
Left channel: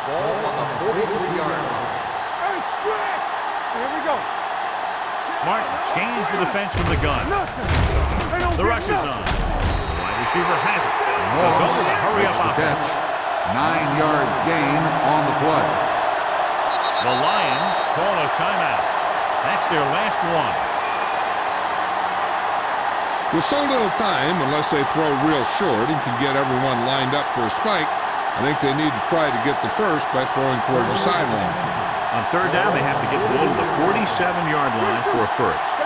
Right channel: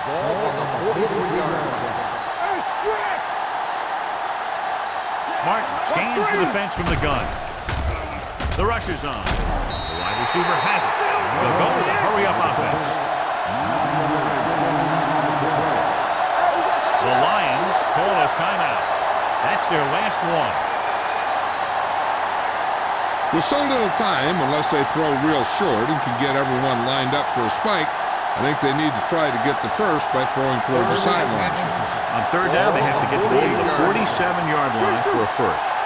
Ball on the 43-yard line. Hey, stretch! Here we go. Martin scans the defense from the gun. The rush is on. The wide receiver has it. They'll go with a hurry-up offense. 9-yard gain on the play. The Lions call a timeout. That's their last one. With so little time, unless they throw real short and can get everyone lined up for a spike, I think they need to try to get the first by throwing towards the sideline. On third down, they have to get the ball to the 47-yard line for a first.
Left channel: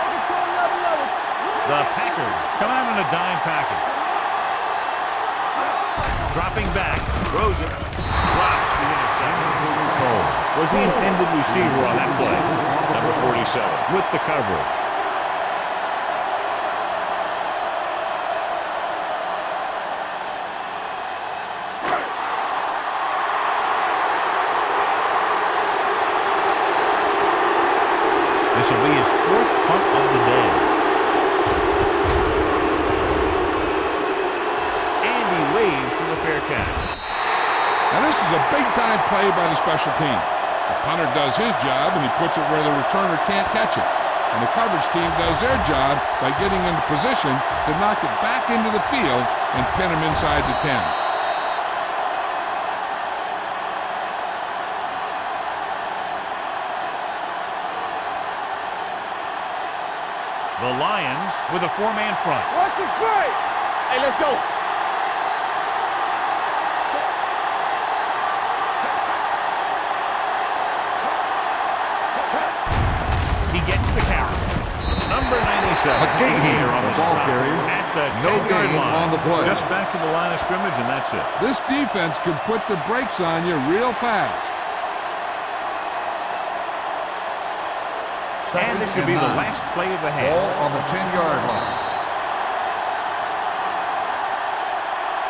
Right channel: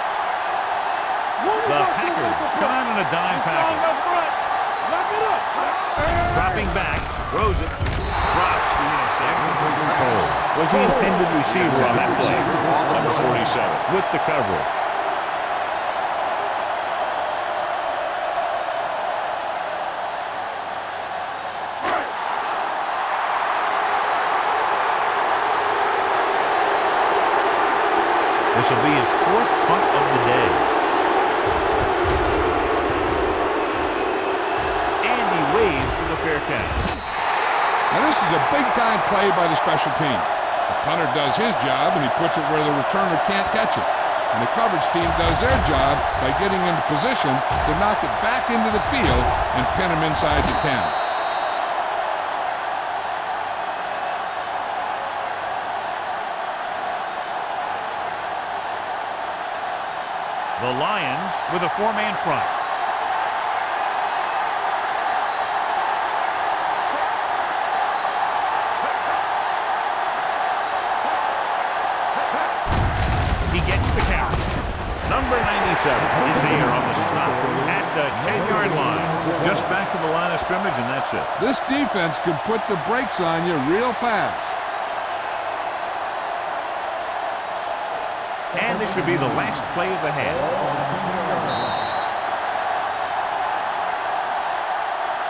The Packers come out in a dime package. Dropping back, throws it, drops the interception. Coles was the intended receiver on that play. Number 47 with the coverage. This will be his fourth punt of the day. And he waves for the fair catch. Now this is a big-time play by the special team. The punter does his job, and he puts it where the returner can't catch it. And the coverage team does their job by getting into position to knock it back into the field and pin him inside the 10. The Lions with a four-man front. Watch the play. Hey, let's go. He gets the carry. Number 97 is here on the stop at the 10-yard line. Just back to the line of scrimmage, and that's it. This defense can put the brakes on you real fast. And this should be the last play of the half. Ball on the 10-yard line.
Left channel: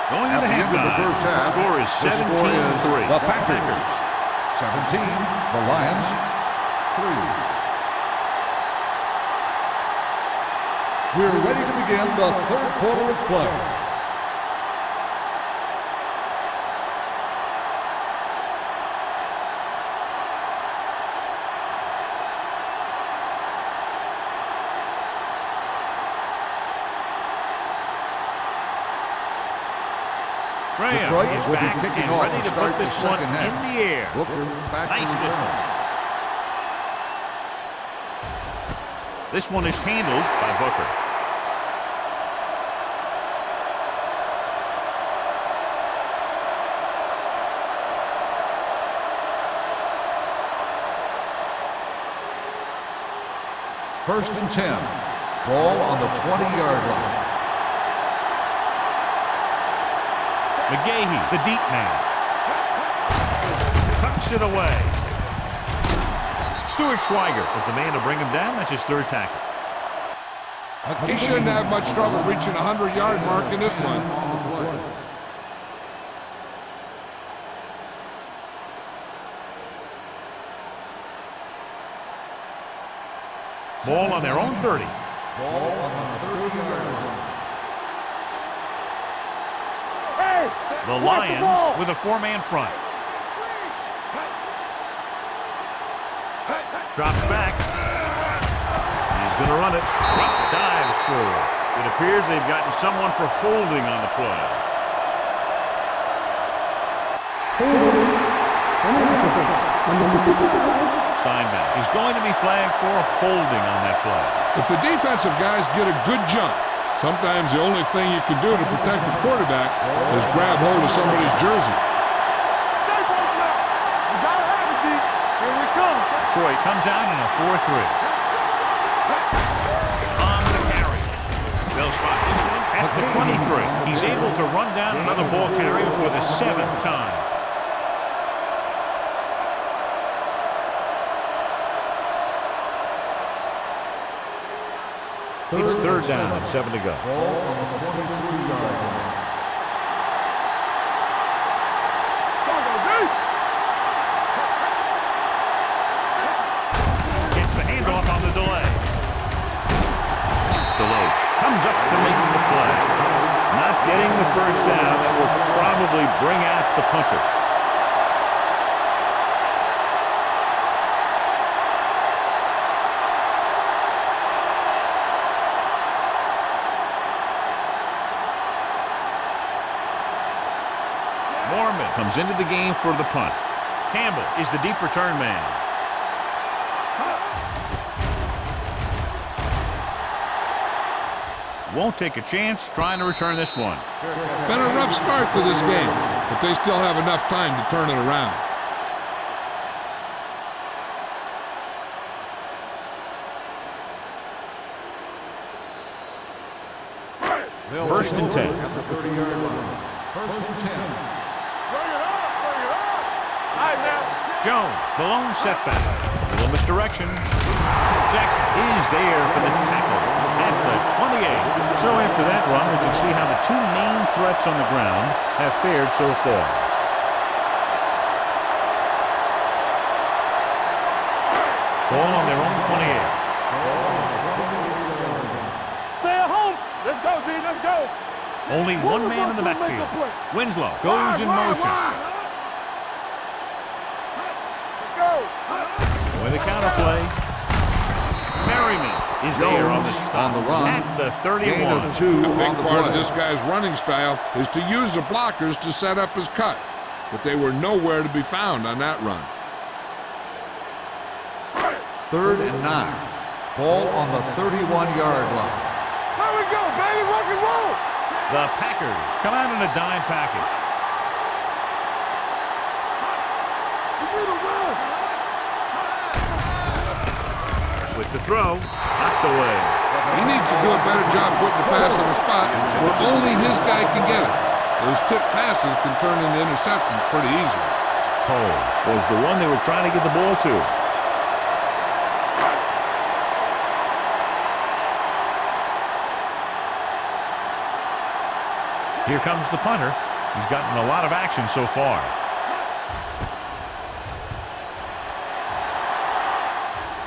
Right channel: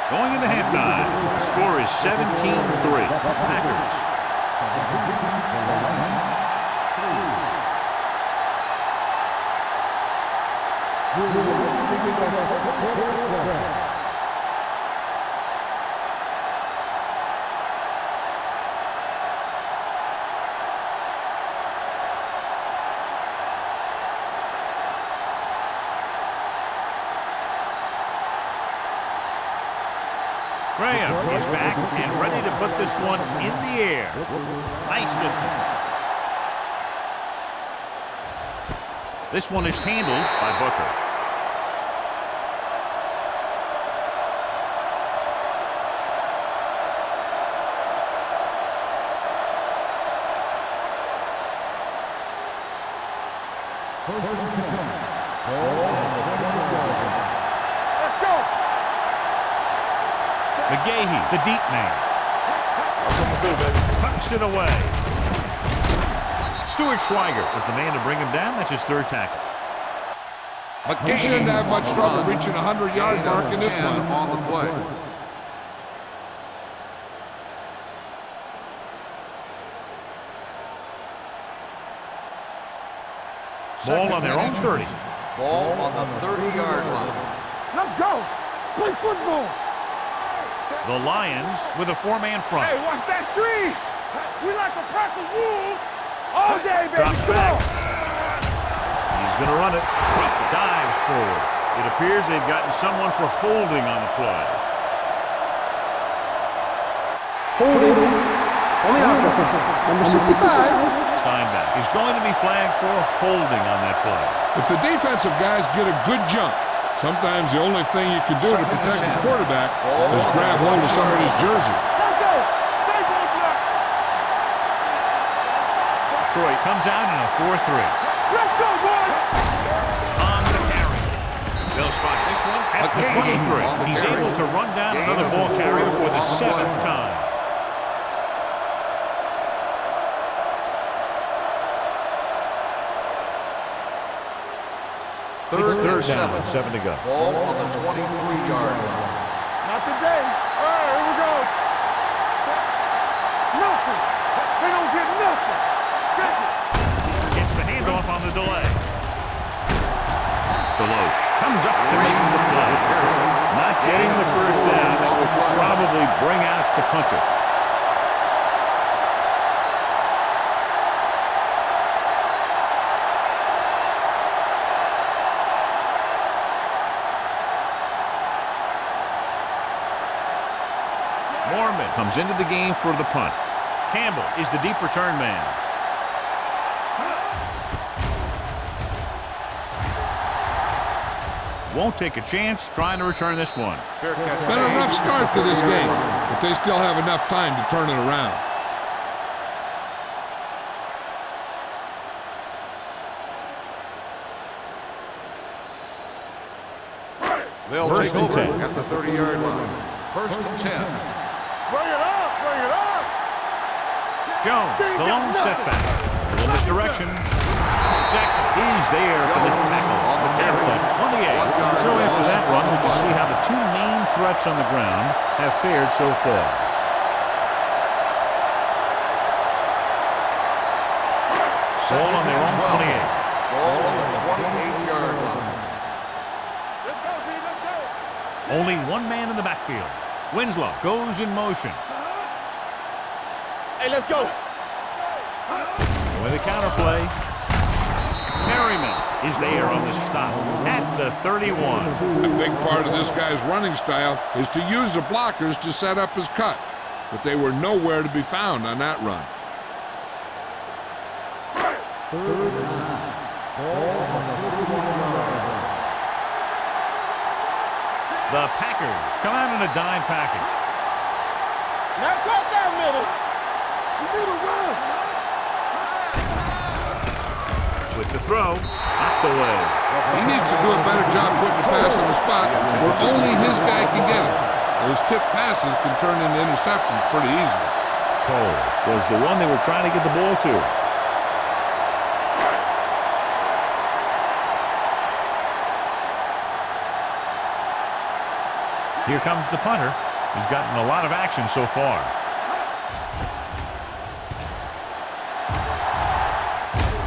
Going into halftime, the score is 17-3. The Packers. 17, the Lions, 3. We're ready to begin the third quarter of play. Graham is back and ready to put this one in the air. Nice distance. This one is handled by Booker. First and 10. Ball on the 20-yard line. McGahee, the deep man. Tucks it away. Stuart Schweiger was the man to bring him down. That's his third tackle. He shouldn't have much trouble reaching the 100-yard mark in this one. On the play. Ball on their own 30. Ball on the 30-yard line. Let's go. Play football. The Lions with a four-man front. Hey, watch that screen. We like a pack of wolves. All day, baby. Drops back. He's going to run it. Russell dives forward. It appears they've gotten someone for holding on the play. Holding on the offense. Number 65. Steinbach is going to be flagged for holding on that play. If the defensive guys get a good jump, sometimes the only thing you can do to protect the quarterback is grab hold of somebody's jersey. Stay posted up. You got it, Andy. Here we come. Detroit comes out in a 4-3. Let's go, boys. On the carry. They'll spot this one at the 23. He's able to run down another ball carrier for the 7th time. It's 3rd down and 7 to go. Ball on the 23-yard line. Not today. All right, here we go. Saturday. Nothing. They don't get nothing. Check it. Gets the handoff on the delay. Deloach comes up to make the play. Not getting the first down. That will probably bring out the punter. Mormon comes into the game for the punt. Campbell is the deep return man. Won't take a chance trying to return this one. It's been a rough start to this game, but they still have enough time to turn it around. They'll First take and over 10. at the 30-yard line. 1st and 10. Bring it up. Bring it up. All right, now. Jones, the lone setback. A little misdirection. Jackson is there for the tackle at the 28. So after that run, we can see how the two main threats on the ground have fared so far. Ball on their own 28. Ball on the 28-yard line. Stay at home. Let's go, D. Let's go. Only one man in the backfield. Winslow goes in motion. Hey, let's go. Let's go. With a counterplay. Merriman is there on the stop at the 31. A big part of this guy's running style is to use the blockers to set up his cut, but they were nowhere to be found on that run. 3rd and 9. Ball on the 31-yard line. There we go, baby. Rock and roll. The Packers come out in a dime package. Now go down middle. You need a run. With the throw, knocked away. He needs to do a better job putting the pass on the spot where only his guy can get it. Those tip passes can turn into interceptions pretty easily. Coles was the one they were trying to get the ball to. Here comes the punter. He's gotten a lot of action so far.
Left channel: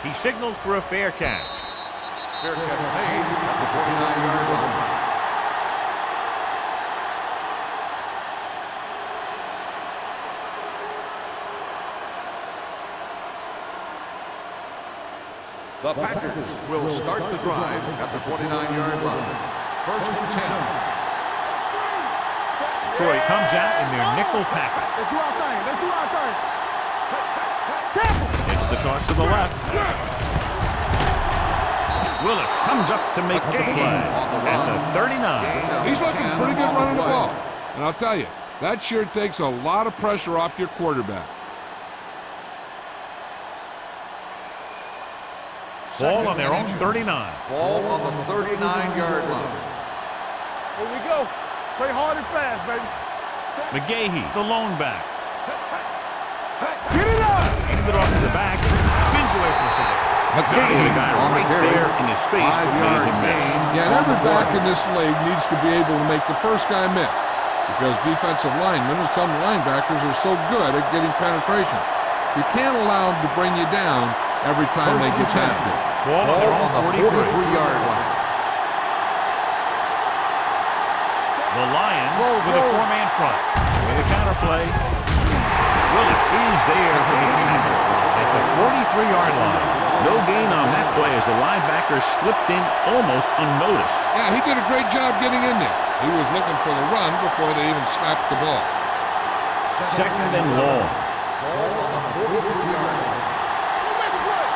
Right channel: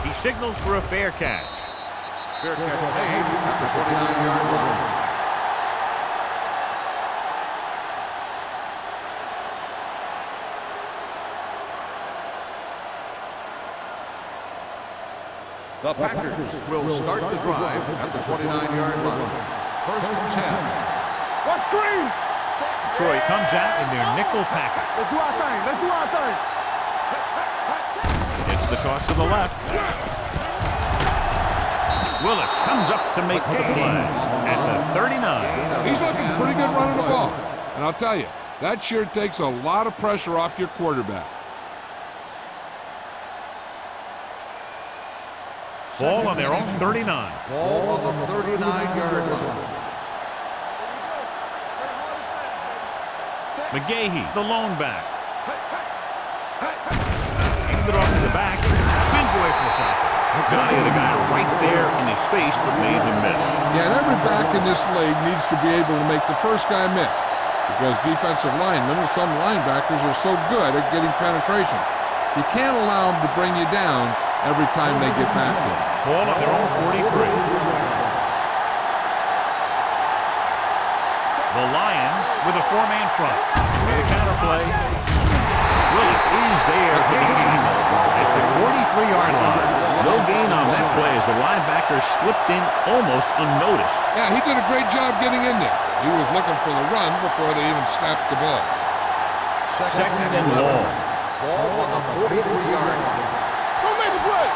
He signals for a fair catch. Fair catch made at the 29-yard line. The Packers will start the drive at the 29-yard line. 1st and 10. Let's screen. Detroit comes out in their nickel package. Let's do our thing. Let's do our thing. Gets the toss to the left. Willis comes up to make the play at the 39. He's looking pretty good running the ball. And I'll tell you, that sure takes a lot of pressure off your quarterback. Ball on their own 39. Ball on the 39-yard line. Here we go. Play hard and fast, baby. McGahee, the lone back. Get it up. Handed off to the back. Spins away from the tackle. Johnny had a guy right there in his face, but made him miss. Yeah, and every back in this league needs to be able to make the first guy miss, because defensive linemen and some linebackers are so good at getting penetration. You can't allow them to bring you down every time they get back there. Ball on their own 43. line. The Lions with a four-man front. With a counter play. Willis is there for the tackle at the 43-yard line. No gain on that play as the linebacker slipped in almost unnoticed. Yeah, he did a great job getting in there. He was looking for the run before they even snapped the ball. Second and long. Ball on the 43-yard line. Don't make a play.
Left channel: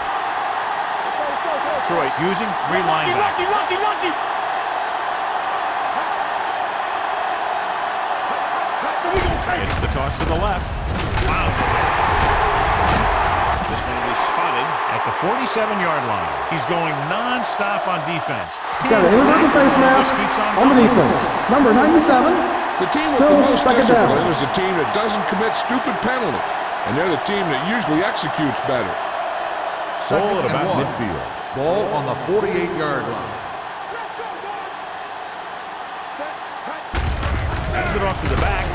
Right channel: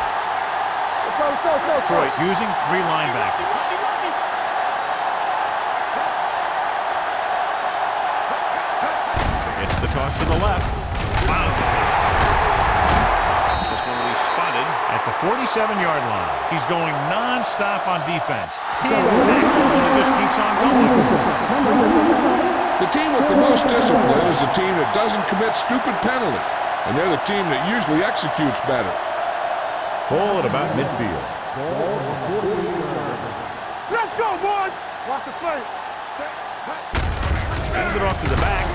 Let's go. Detroit using three linebackers. Lucky. It's the toss to the left. Fouls it in. This one will be spotted at the 47-yard line. He's going non-stop on defense. 10 Got it in the number tackles, face and he mask just keeps on on the going. defense. Number 97. The team with Still the most second down. discipline is the team that doesn't commit stupid penalties. And they're the team that usually executes better. Ball at Second about and one. midfield. Ball on the 48-yard line. Let's go, boys. Watch the play. Set. Hand it off to the back.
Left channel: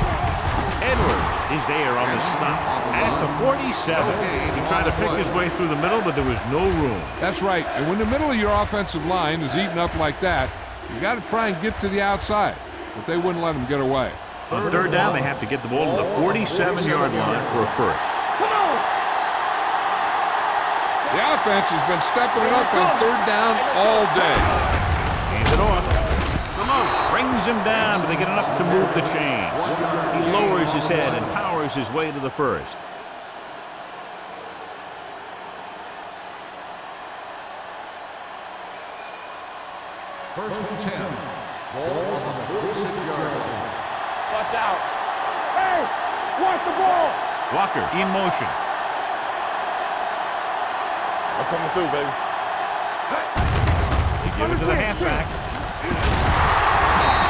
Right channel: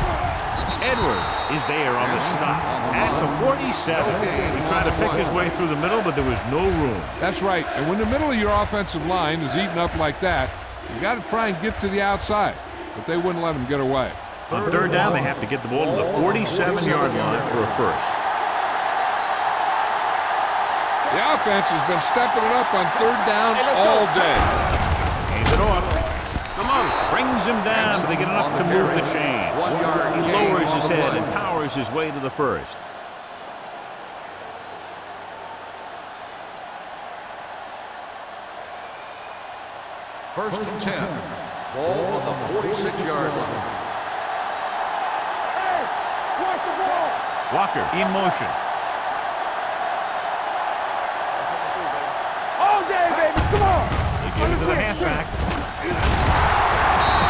Edwards is there on the stop at the 47. He tried to pick his way through the middle, but there was no room. That's right. And when the middle of your offensive line is eaten up like that, you got to try and get to the outside. But they wouldn't let him get away. On third down, they have to get the ball to the 47-yard line for a first. The offense has been stepping it up on third down all day. Hands it off. Come on. Brings him down, but they get enough to move the chains. He lowers his head and powers his way to the first. First and 10. Ball on the 46-yard line. Watch out. Hey, watch the ball. Walker in motion. I'm coming through, baby. All day, baby. Come on. They give it to the halfback.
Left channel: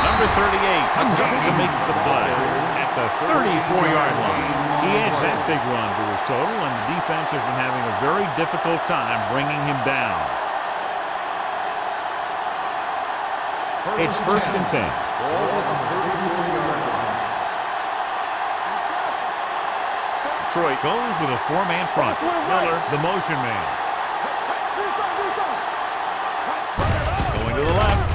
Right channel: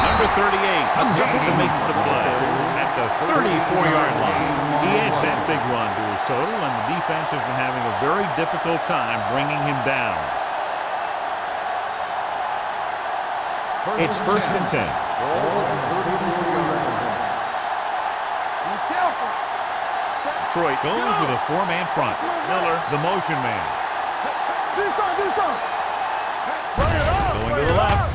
Number 38 comes up to make the play at the 34-yard line. He adds that big run to his total, and the defense has been having a very difficult time bringing him down. It's first and 10. Ball on the 34-yard line. Be careful. Detroit goes with a four-man front. Miller, the motion man. Do something. Bring it up. Going to the left.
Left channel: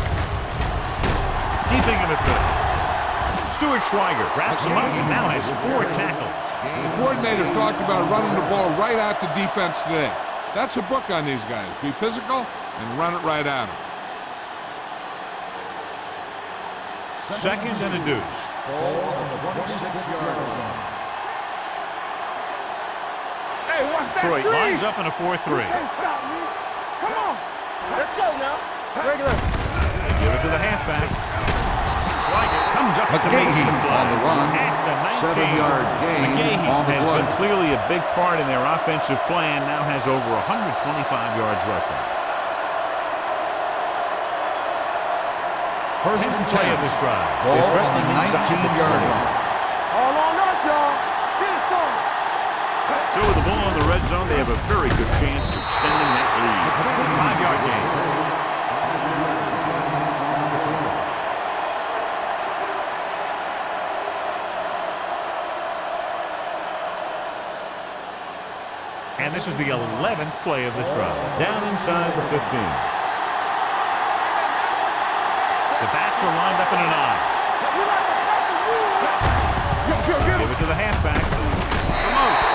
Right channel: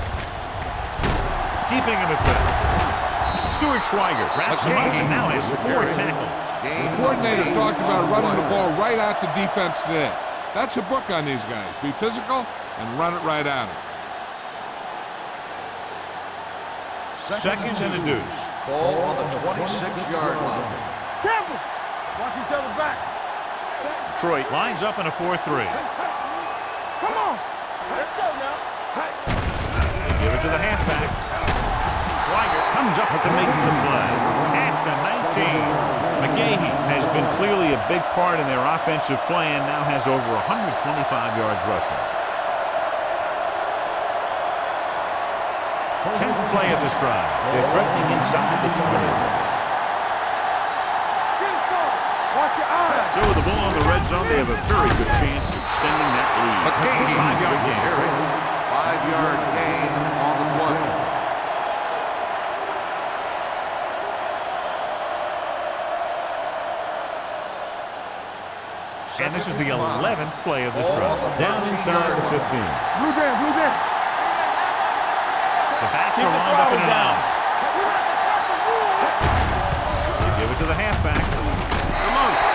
Keeping him at bay. Stuart Schweiger wraps him up and now has 4 tackles. The coordinator talked about running the ball right out to defense today. That's a book on these guys. Be physical and run it right at them. Second and a deuce. Ball on the 26-yard line. Careful. Watch each other back. Hey, watch that Detroit screen. lines up in a 4-3. Can't stop me. Come on. Let's go now. They give it to the halfback. Schweiger comes up to make the play at the 19. McGahee has been clearly a big part in their offensive plan, now has over 125 yards rushing. 10th play of this drive. They're threatening inside the 20. All on us, y'all. Get it, son. Watch your eyes. So with the ball in the red zone, they have a very good chance of extending that lead. 5-yard gain. 5-yard gain on the play. And this is the 11th play of this drive. Down inside the 15. Blue game. The backs are lined up in an I. We like to tackle rules. They give it to the halfback.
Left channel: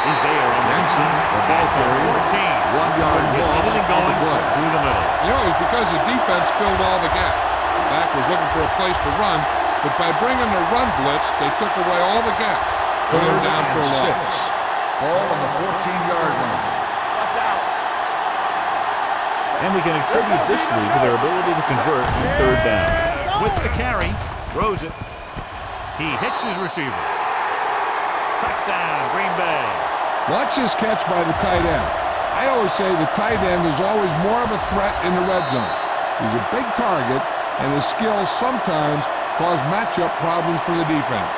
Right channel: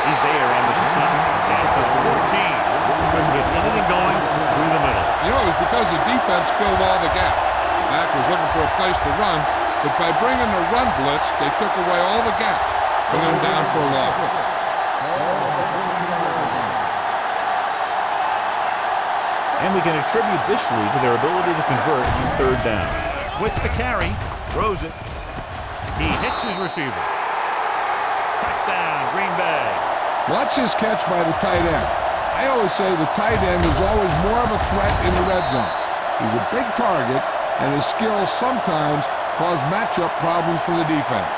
He's there on the stop at the 14. Couldn't get anything going through the middle. You know, it was because the defense filled all the gaps. The back was looking for a place to run, but by bringing the run blitz, they took away all the gaps, putting him down for a loss. Ball on the 14-yard line. And we can attribute this lead to their ability to convert on third down. With the carry, throws it. He hits his receiver. Touchdown, Green Bay. Watch this catch by the tight end. I always say the tight end is always more of a threat in the red zone. He's a big target, and his skills sometimes cause matchup problems for the defense.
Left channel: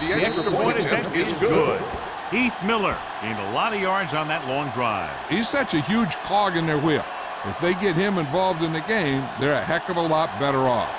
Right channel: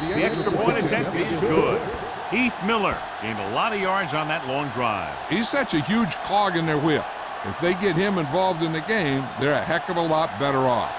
The extra point attempt is good. Heath Miller gained a lot of yards on that long drive. He's such a huge cog in their wheel. If they get him involved in the game, they're a heck of a lot better off.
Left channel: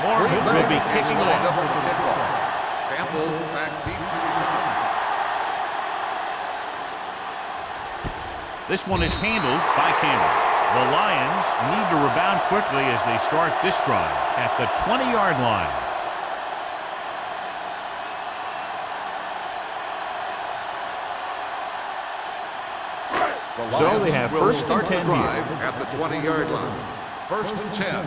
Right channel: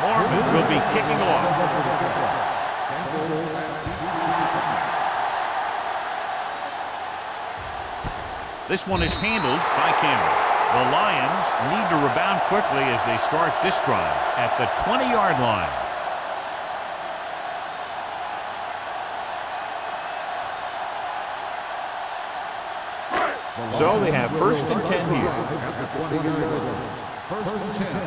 Mormon will be kicking off. Campbell back deep to return. This one is handled by Campbell. The Lions need to rebound quickly as they start this drive at the 20-yard line. So they have first and 10 here. At the 20-yard line. First and 10.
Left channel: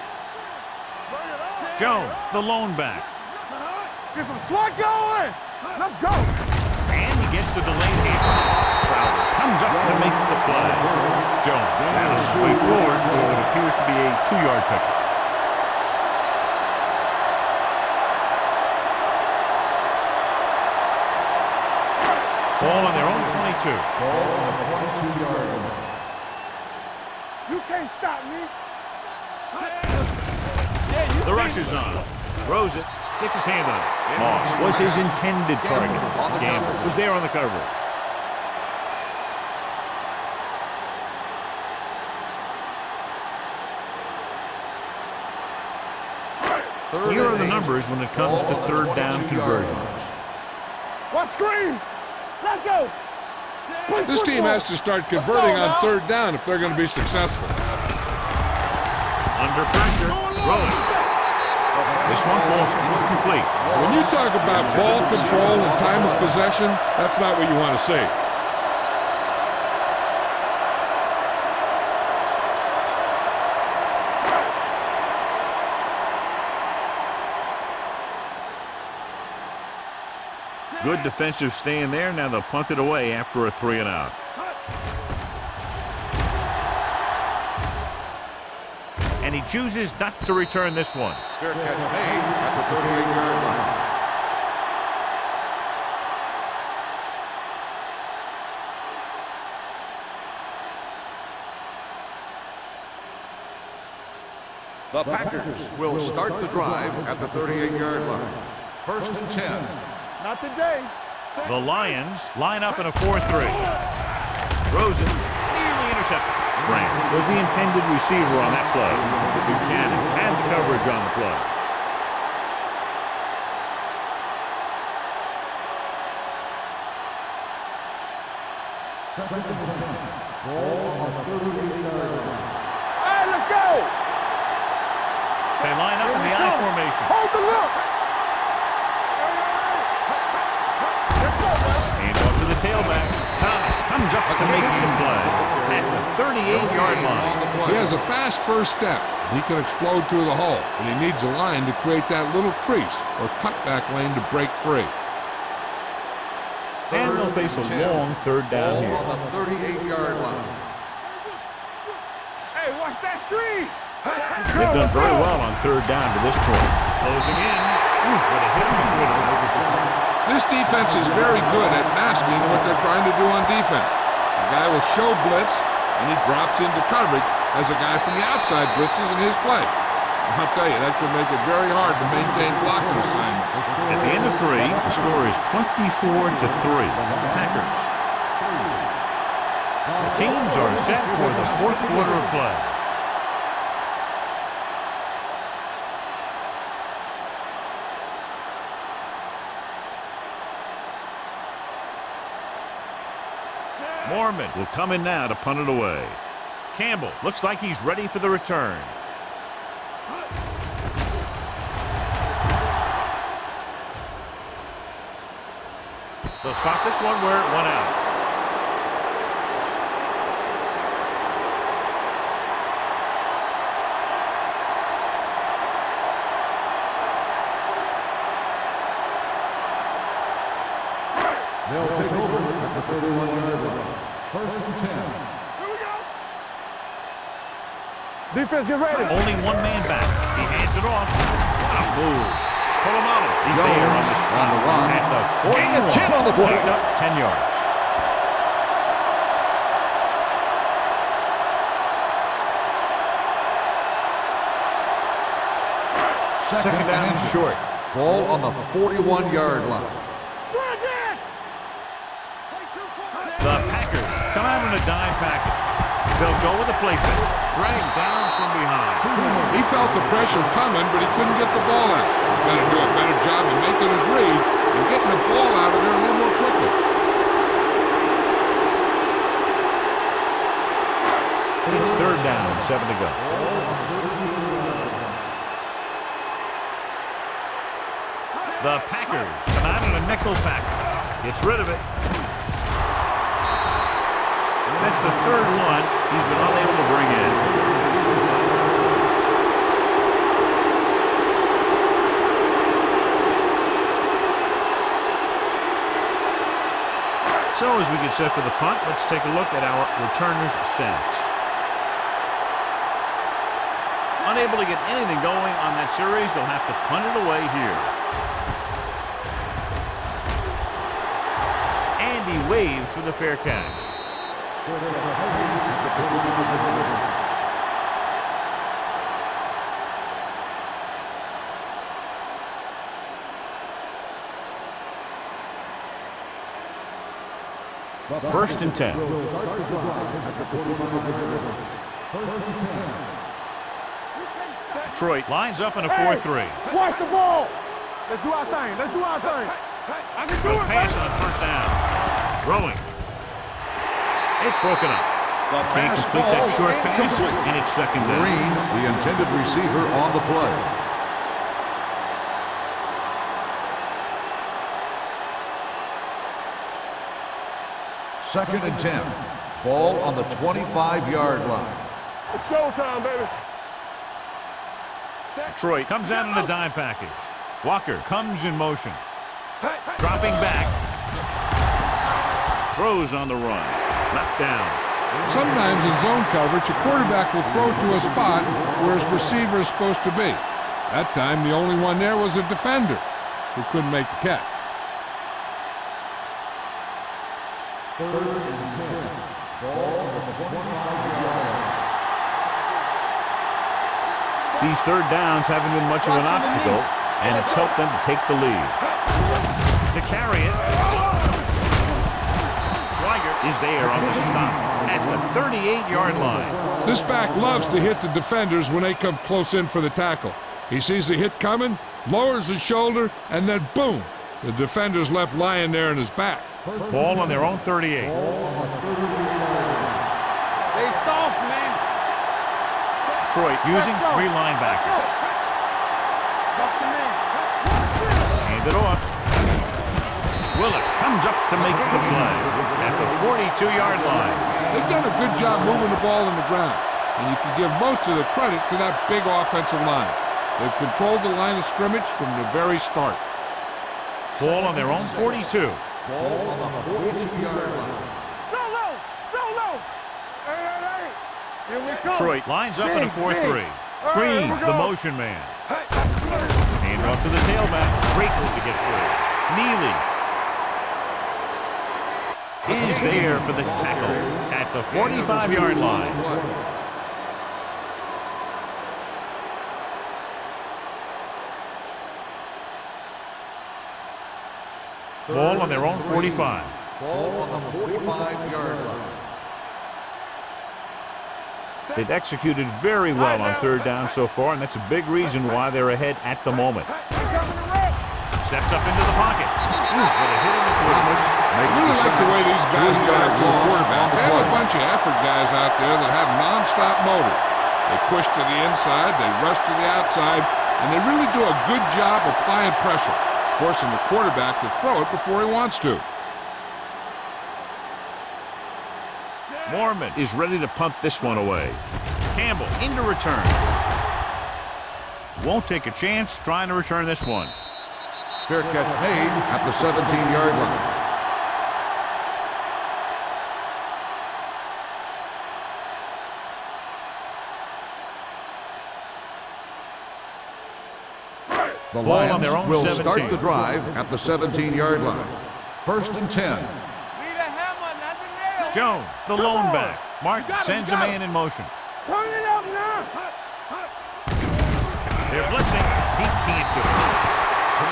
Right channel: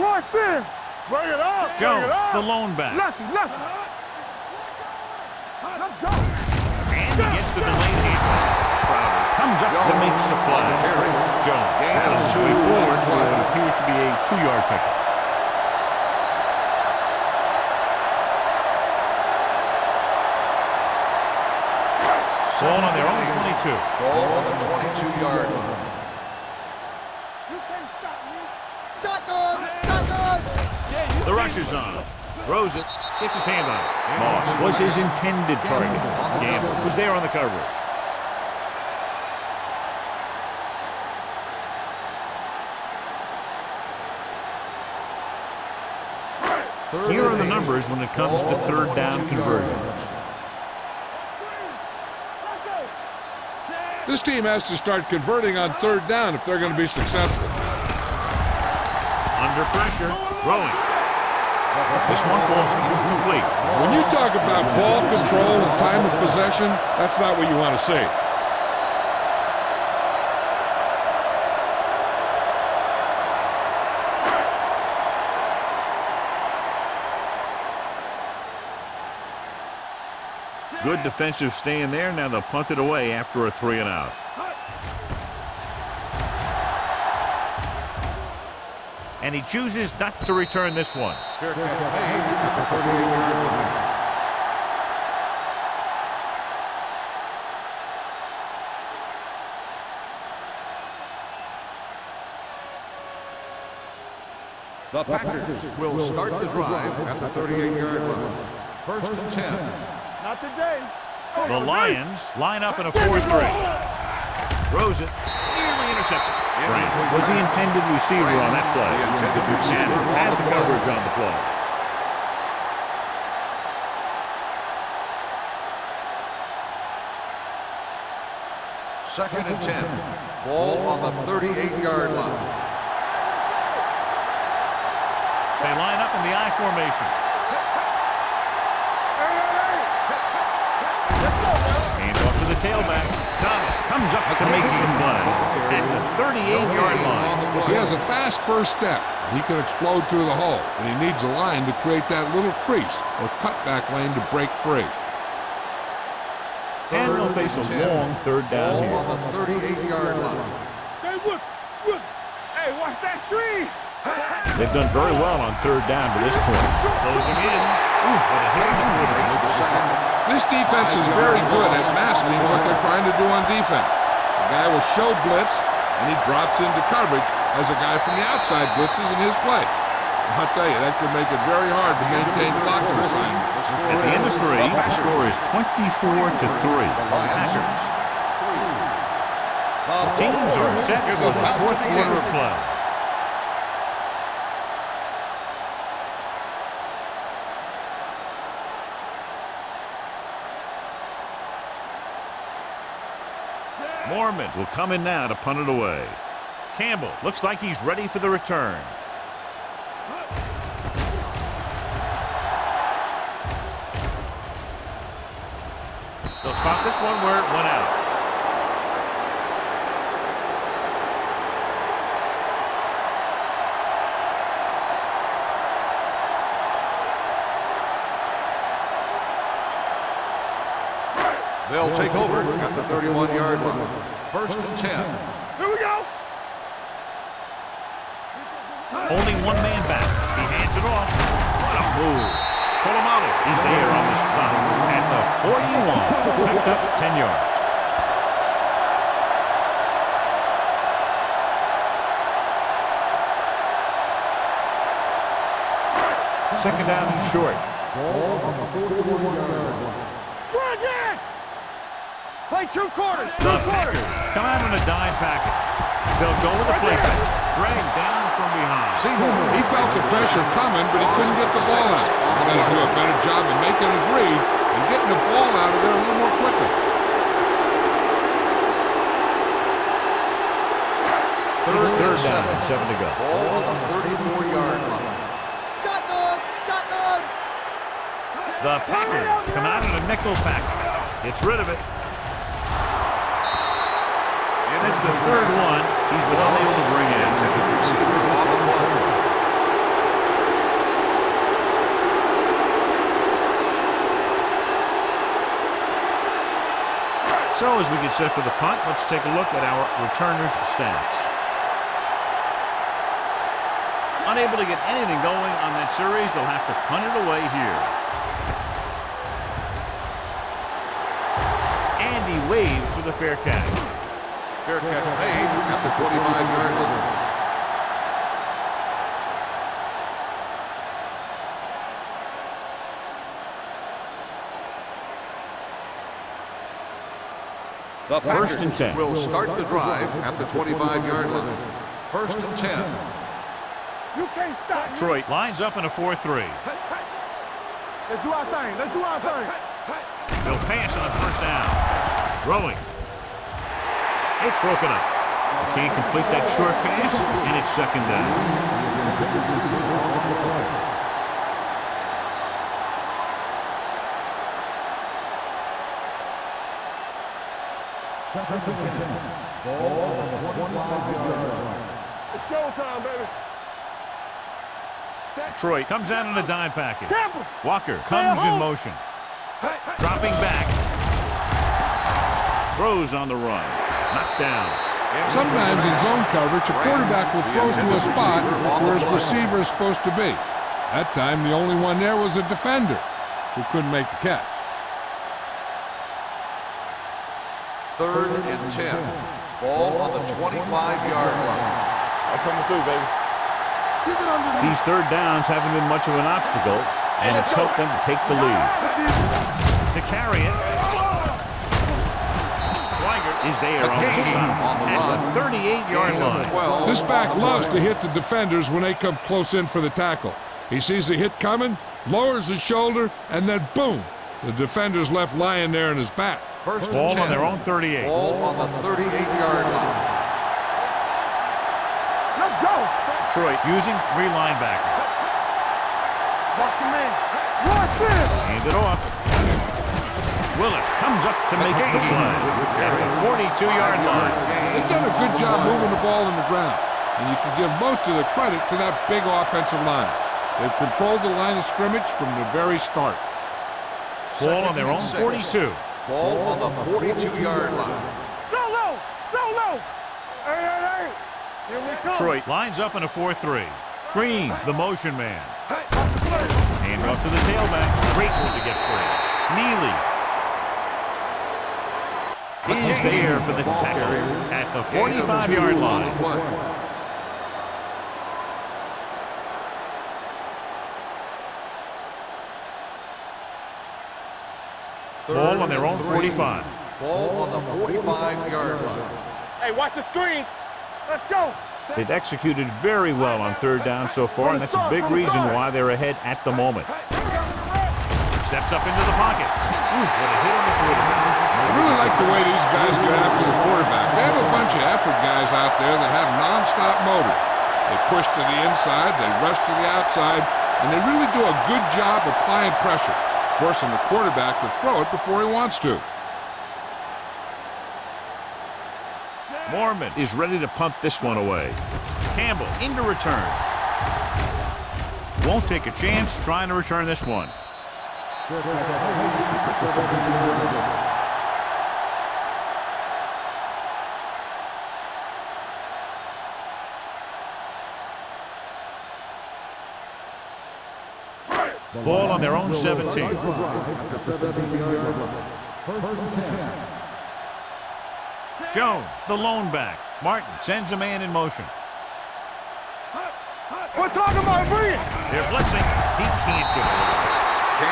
Watch it. Bring it up. Jones, the lone back. Left. Get some slack going. Let's go. And he gets the delayed handoff. Crowder comes up to make the play. Jones battles his way forward for what appears to be a 2-yard pickup. Ball on their own 22. Ball on the 22-yard line. You can't stop me. The rush is on. Throws it. Gets his hand on it. Moss was his intended target. Gamble was there on the coverage. Here are the numbers when it comes to third down conversions. What screen? Let's go. This team has to start converting on third down if they're going to be successful. Under pressure, throwing. This one falls incomplete. When you talk about ball control and time of possession, that's not what you want to see. Good defensive stand there. Now they'll punt it away after a 3-and-out. And he chooses not to return this one. Fair catch made at the 38-yard line. The Packers will start the drive at the 38-yard line. First and 10. Not today. The Lions line up in a 4-3. Throws it. Nearly intercepted. Branch was the intended receiver on that play. Buchanan had the coverage on the play. Second and 10. Ball on the 38-yard line. Let's go. They line up in the I formation. Hold the look. Hey. Hand off to the tailback. Thomas comes up to make the play at the 38-yard line. He has a fast first step. He can explode through the hole, but he needs a line to create that little crease or cutback lane to break free. And they'll face a long third down here. On the 38-yard line. Hey, watch that screen. They've done very well on third down to this point. Closing in. Ooh, what a hit on the quarterback. This defense is very good at masking what they're trying to do on defense. The guy will show blitz, and he drops into coverage as a guy from the outside blitzes in his play. I'll tell you, that could make it very hard to maintain blocking assignments. At the end of 3, the score is 24-3. Packers. The teams are set for the fourth quarter of play. Mormon will come in now to punt it away. Campbell looks like he's ready for the return. They'll spot this one where it went out. They'll take over at the 31-yard line. First and 10. Here we go. Defense, get ready. Only one man back. He hands it off. What a move. Polamalu is there on the stop at the 41. Picked up 10 yards. Second down and short. Ball on the 41-yard line. Run it! Play 2 quarters. The Packers come out on a dime package. They'll go with the play fake. Dragged down from behind. He felt the pressure coming, but he couldn't get the ball out. He's got to do a better job of making his read and getting the ball out of there a little more quickly. It's third down and 7 to go. Ball on the 34-yard line. The Packers come out in a nickel package. Gets rid of it. And that's the third one he's been unable to bring in. So as we get set for the punt, let's take a look at our returners' stats. Unable to get anything going on that series, they'll have to punt it away here. And he waves for the fair catch. Fair catch made at the 25-yard line. The First and 10. Will start the drive at the 25-yard line. First and 10. You can't stop. Detroit lines up in a 4-3. Watch the ball. Let's do our thing. Let's do our thing. He'll pass on first down. Throwing. It's broken up. Can't complete that short pass, and it's second down. Green, the intended receiver on the play. Second and 10. Ball on the 25-yard line. It's showtime, baby. Detroit comes out in a dime package. Walker comes in motion. Dropping back. Throws on the run. Knocked down. Sometimes in zone coverage, a quarterback will throw to a spot where his receiver is supposed to be. That time, the only one there was a defender who couldn't make the catch. Third and 10. Ball on the 25-yard line. These third downs haven't been much of an obstacle, and it's helped them to take the lead. To carry it. Schweiger is there on the stop at the 38-yard line. This back loves to hit the defenders when they come close in for the tackle. He sees the hit coming, lowers his shoulder, and then boom, the defender's left lying there in his back. First Ball and on 10. their own 38. Ball on the 38-yard line. Stay soft, man. Let's go. Detroit using 3 linebackers. Watch your man. Watch this. Hand it off. Willis comes up to make the play at the 42-yard line. They've done a good job moving the ball in the ground, and you can give most of the credit to that big offensive line. They've controlled the line of scrimmage from the very start. Ball on their own 42. Ball on the 42-yard line. So low. So low. Hey, hey, hey. Here we come. Detroit lines up in a 4-3. Green, the motion man. Hand off to the tailback. Great move to get free. Neely is there for the tackle at the 45-yard line. Ball on their own 45. Ball on the 45-yard line. Hey, watch the screen. Let's go. They've executed very well on third down so far, and that's a big reason why they're ahead at the moment. Steps up into the pocket. Ooh, what a hit on the quarterback. I really like the way these guys get after the quarterback. They have a bunch of effort guys out there that have non-stop motors. They push to the inside, they rush to the outside, and they really do a good job applying pressure, forcing the quarterback to throw it before he wants to. Mormon is ready to punt this one away. Campbell into return. Won't take a chance trying to return this one. Fair catch made at the 17-yard line. The Ball on their Lions own will 17. start the drive at the 17-yard line. First and 10. Jones, the lone back. Martin sends a man in motion. Turn it up now. We're talking about bring it. They're blitzing. He can't get away.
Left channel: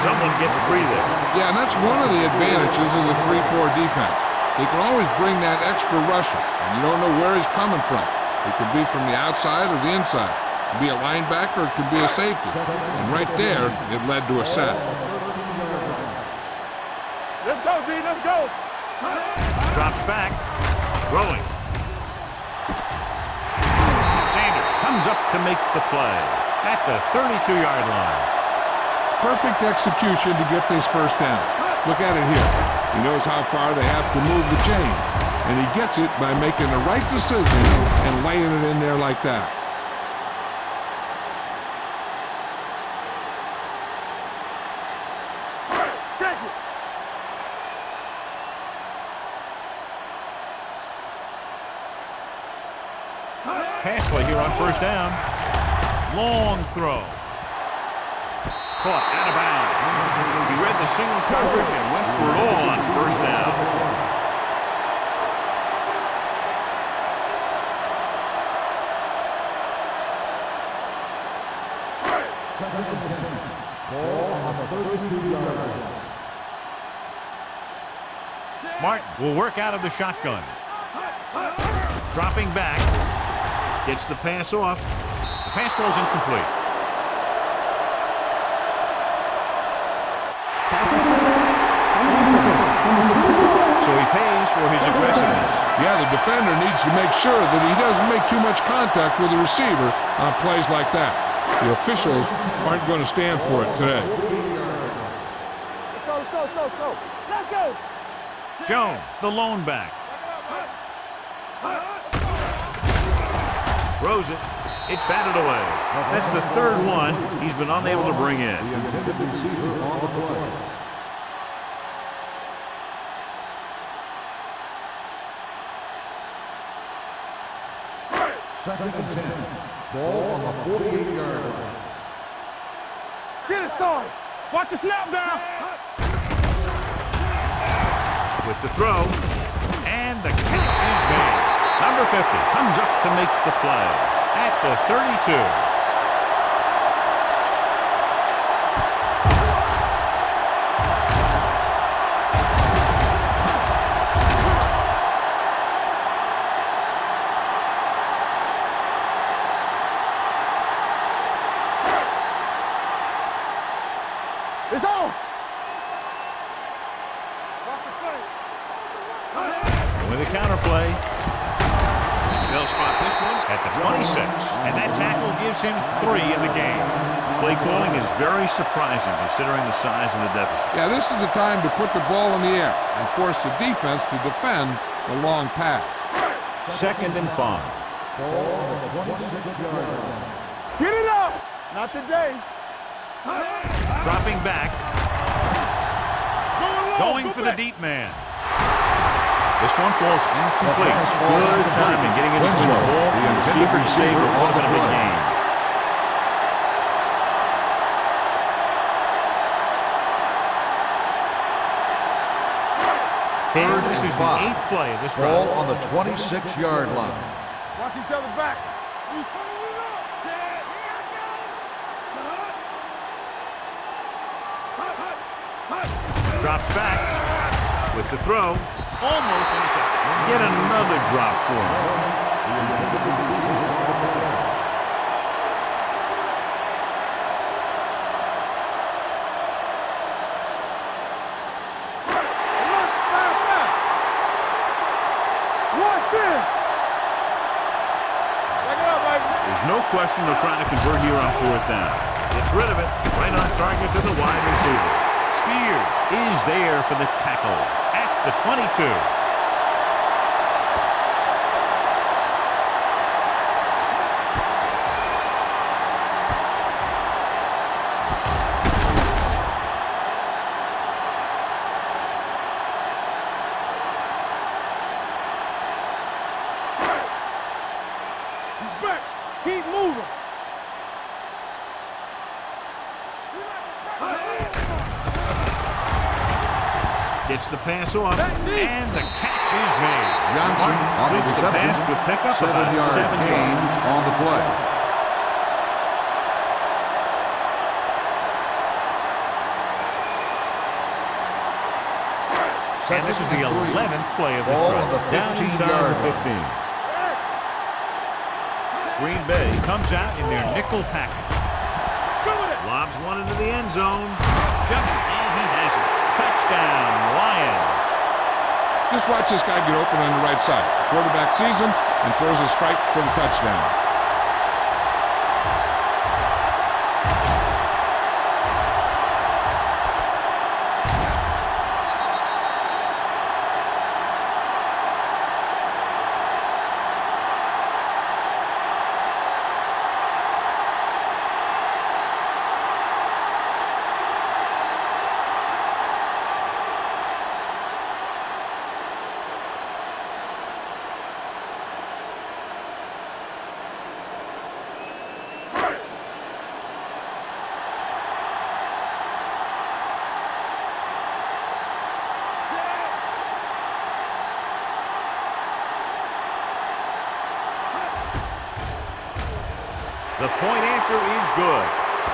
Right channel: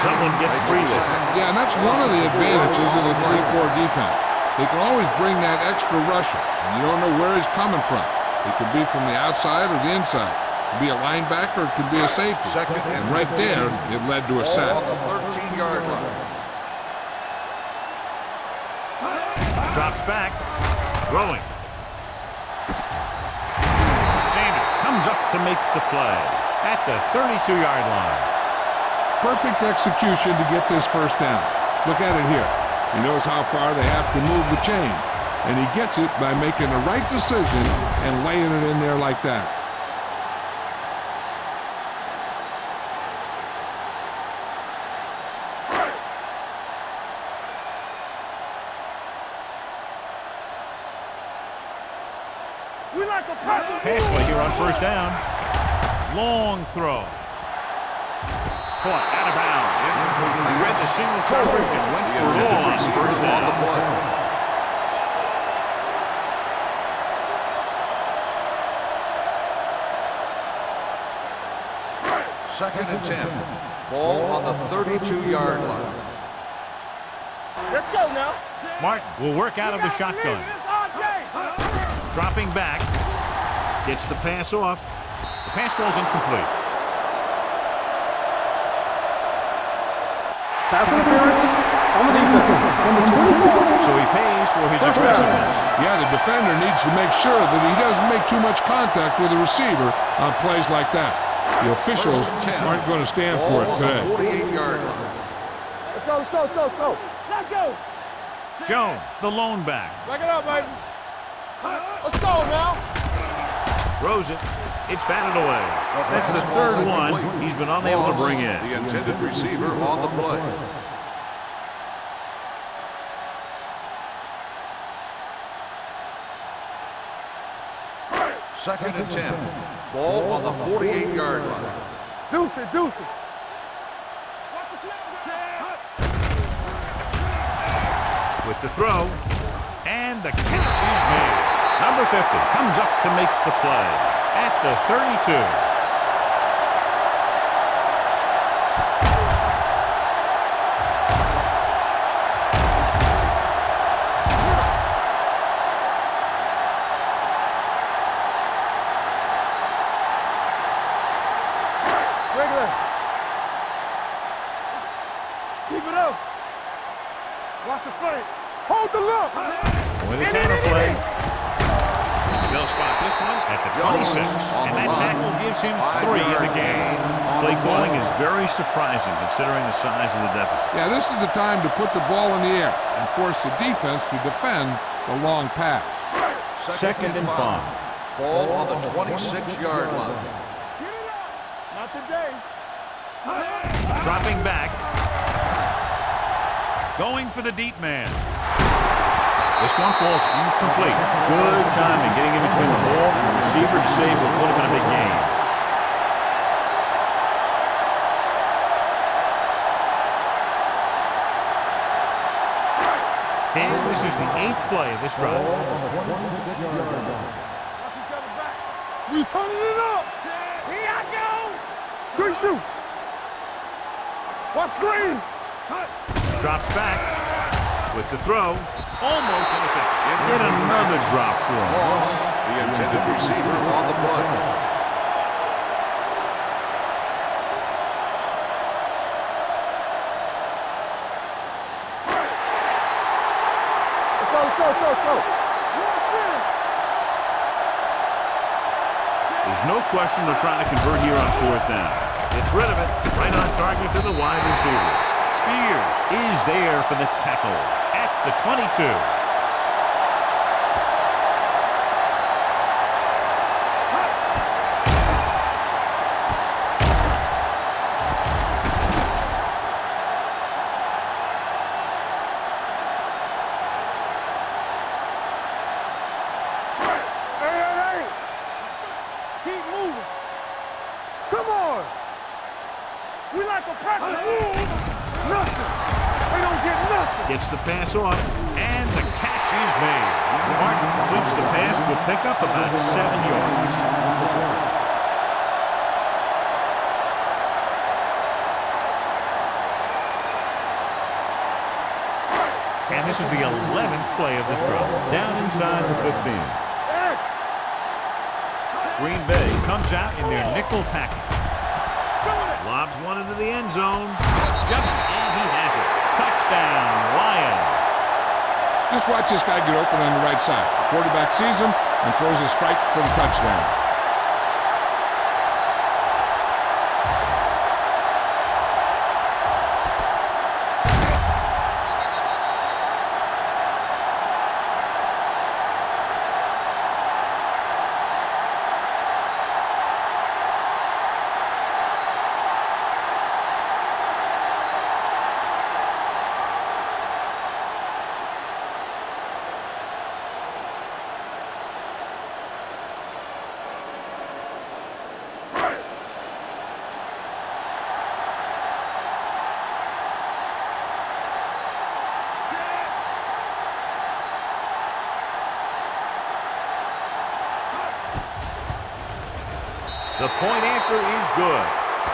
Someone gets free there. Yeah, and that's one of the advantages of the 3-4 defense. They can always bring that extra rusher, and you don't know where he's coming from. It could be from the outside or the inside. It could be a linebacker, it could be a safety. And right there, it led to a sack. 13-yard line. Let's go, D. Let's go. Drops back. Throwing. Sanders comes up to make the play at the 32-yard line. Perfect execution to get this first down. Look at it here. He knows how far they have to move the chain, and he gets it by making the right decision and laying it in there like that. Check it. We like a Pass play here on first down. Long throw. Caught out of bounds. He read the single coverage and went for it all on first down. Second and 10. Ball on the 32-yard line. Let's go now. Martin will work out of the shotgun. Dropping back. Gets the pass off. The pass falls incomplete. Pass interference on the defense. Number 24. So he pays for his aggressiveness. Yeah, the defender needs to make sure that he doesn't make too much contact with the receiver on plays like that. The officials aren't going to stand for it today. 48-yard line. Let's go, let's go, let's go, let's go. Let's go. Jones, the lone back. Back it up, baby. Let's go now. Throws it. It's batted away. That's the third one he's been unable to bring in. The intended receiver on the play. Second and 10. Ball on the 48-yard line. Deuce it, deuce it. Get it, son. Watch the snap down. With the throw, and the catch is made. Number 50 comes up to make the play at the 32. It's on. Keep it up. Watch the play. Hold the look. With a counter play, they'll spot this one at the 26, and that tackle gives him 3 in the game. Play calling is very surprising considering the size of the deficit. Yeah, this is the time to put the ball in the air and force the defense to defend the long pass. Second and 5. Ball on the 26-yard line. Get it up. Not today. Dropping back, going for the deep man. This one falls incomplete. Good timing getting in between the ball and the receiver to save what would have been a big gain. And this is the 8th play of this drive. Ball on the 26-yard line. Watch each other back. We turning it up. Here I go. Quick shoot. Watch screen. Drops back with the throw. Almost intercepted. Yet another drop for him. Loss. The intended receiver on the play. Let's go. Watch in. There's no question they're trying to convert here on 4th down. Gets rid of it. Right on target to the wide receiver. Spears is there for the tackle at the 22. Keep moving. Come on. We like to press. Gets the pass off, and the catch is made. Martin completes the pass. Good pickup, about 7 yards. On the play. And this is the 11th play of this drive. Down inside the 15. Green Bay comes out in their nickel package. Lobs one into the end zone. Jumps, and he has it. Touchdown, Lions. Just watch this guy get open on the right side. The quarterback sees him and throws a strike for the touchdown. The point after is good.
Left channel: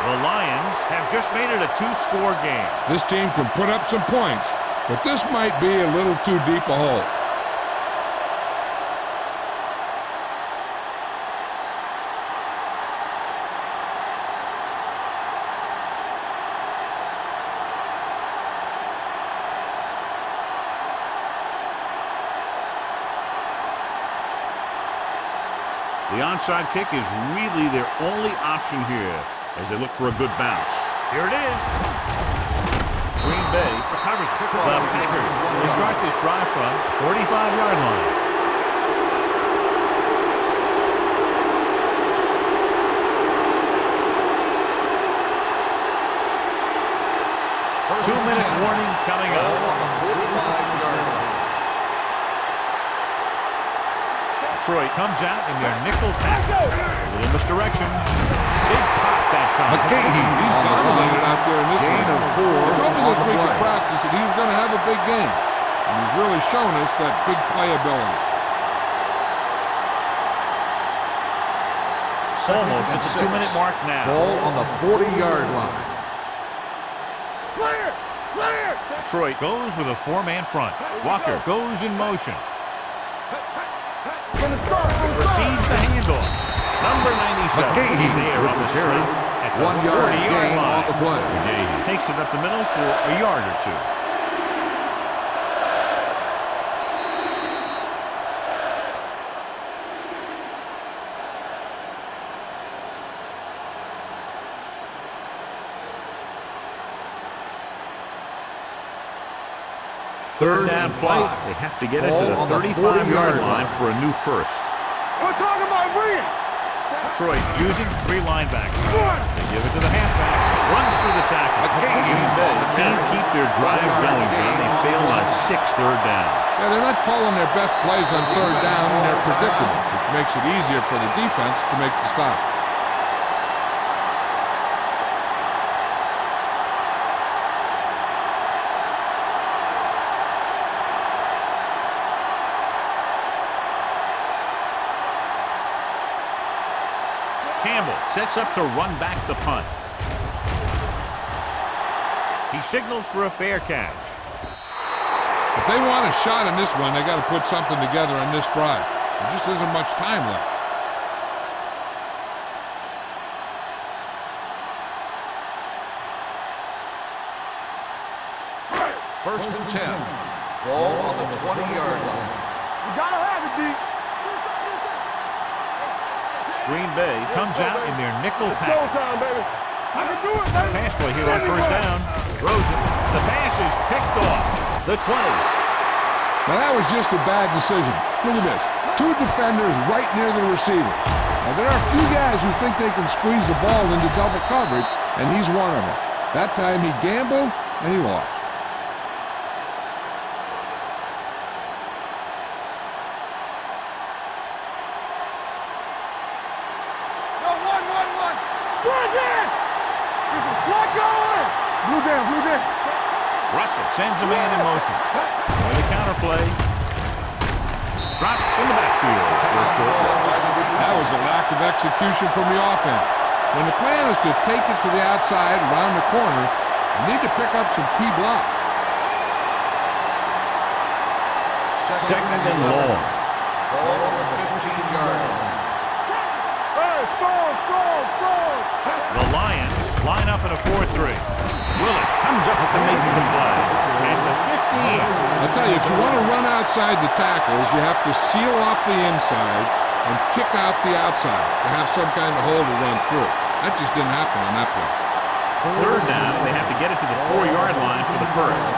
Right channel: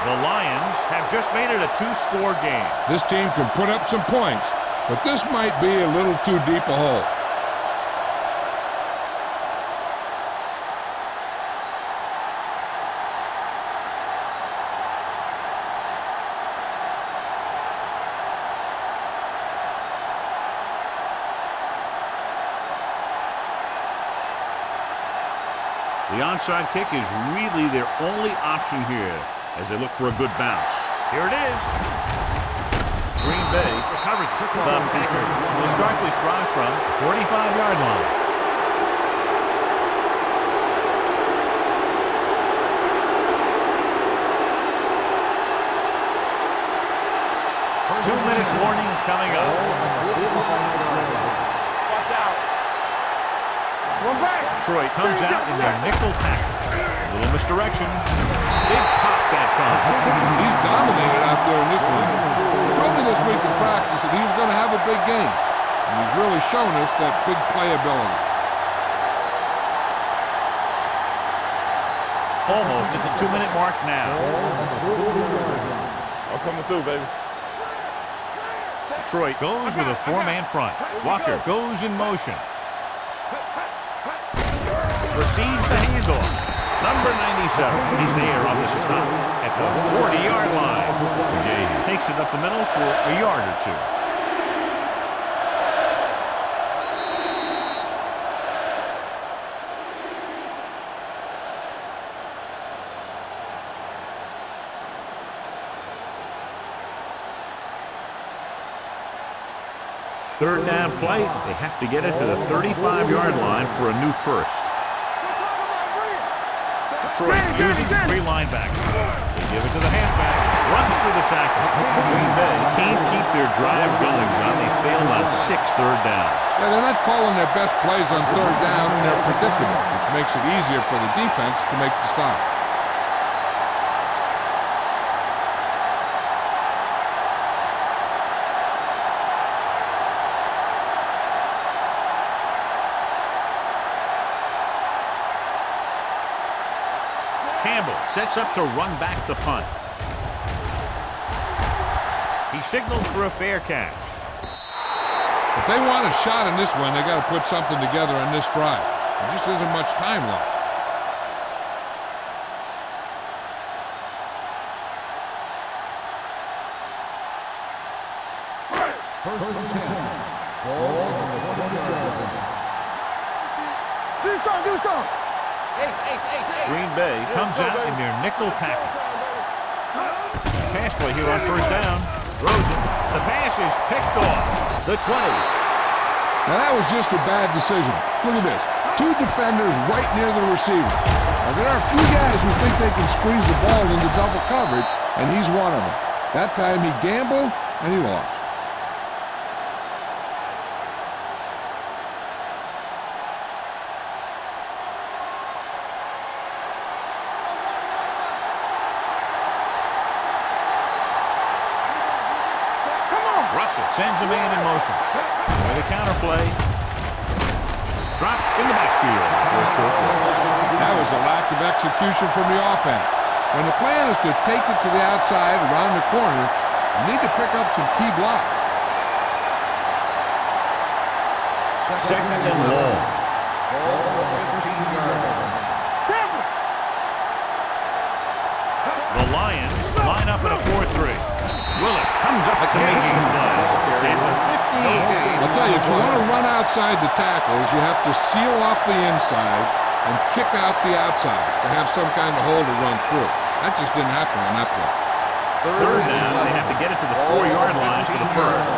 The Lions have just made it a 2-score game. This team can put up some points, but this might be a little too deep a hole. The onside kick is really their only option here as they look for a good bounce. Here it is. Green Bay recovers it. The Packers will start this drive from the 45-yard line. Two-minute warning coming up. On the 45-yard line. Detroit comes out in their nickel package. A little misdirection. Big pop that time. He's dominated out there in this one. He told me this week in practice that he was going to have a big game. And he's really shown us that big playability. Almost at the 2-minute mark now. Ball on the 40-yard line. I'm coming through, baby. Detroit goes with a 4-man front. Walker goes in motion. Receives the handoff. Number 97. He's there on the stop at the 40-yard line. McGahee takes it up the middle for a yard or two. Third down play. They have to get it to the 35-yard line for a new first. We're talking about bringing. Detroit using 3 linebackers. They give it to the halfback. Runs through the tackle. Green Bay can't keep their drives going, John. They failed on 6 third downs. Yeah, they're not calling their best plays on third down, and they're predictable, which makes it easier for the defense to make the stop. Campbell sets up to run back the punt. He signals for a fair catch. If they want a shot in this one, they got to put something together on this drive. There just isn't much time left. First and 10. Ball on the 20-yard line. You gotta have it, D. Do something, do something. Green Bay comes out in their nickel package. Showtime, baby. Pass play here on first down. Throws it. The pass is picked off. The 20. Now that was just a bad decision. Look at this. 2 defenders right near the receiver. Now there are a few guys who think they can squeeze the ball into double coverage, and he's one of them. That time he gambled, and he lost. No, one. Good man. Listen, slot going. Blue down. Set. Come on. Russell sends a man in motion. With a counter play. Dropped in the backfield for a short loss. That was a lack of execution from the offense. When the plan is to take it to the outside around the corner, you need to pick up some key blocks. Second and long. Ball on the 15-yard line. The Lions line up in a 4-3. Willis comes up to make the play. And the 15. I'll tell you, if you want to run outside the tackles, you have to seal off the inside and kick out the outside to have some kind of hole to run through. That just didn't happen on that play. Third down, and they have to get it to the 4-yard line for the first.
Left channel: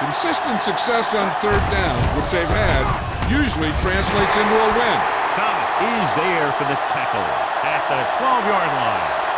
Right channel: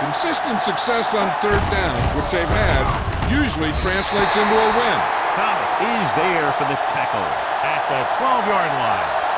Consistent success on third down, which they've had, usually translates into a win. Thomas is there for the tackle at the 12-yard line.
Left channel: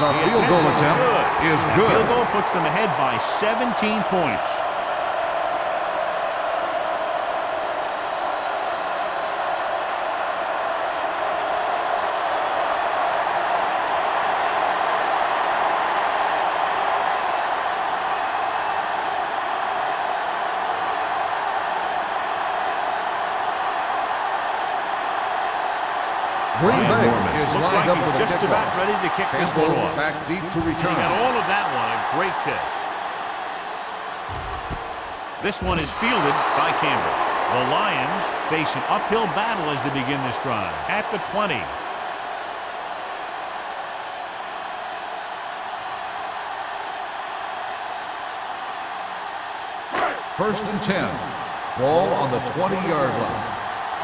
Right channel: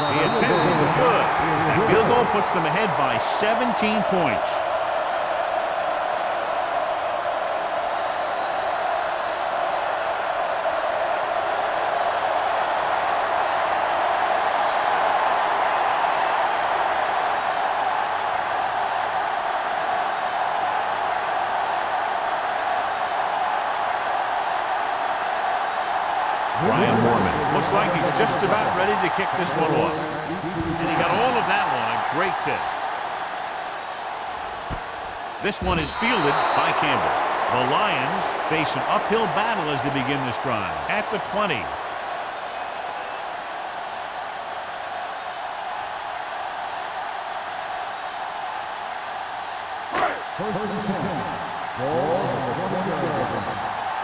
The The field goal attempt is attempt good. is That good. field goal puts them ahead by 17 points. Ryan Norman looks like he's just about ready to kick this one off. Back deep to And he return. got all of that one, a great kick. This one is fielded by Campbell. The Lions face an uphill battle as they begin this drive. At the 20. First and 10. Ball on the 20-yard line.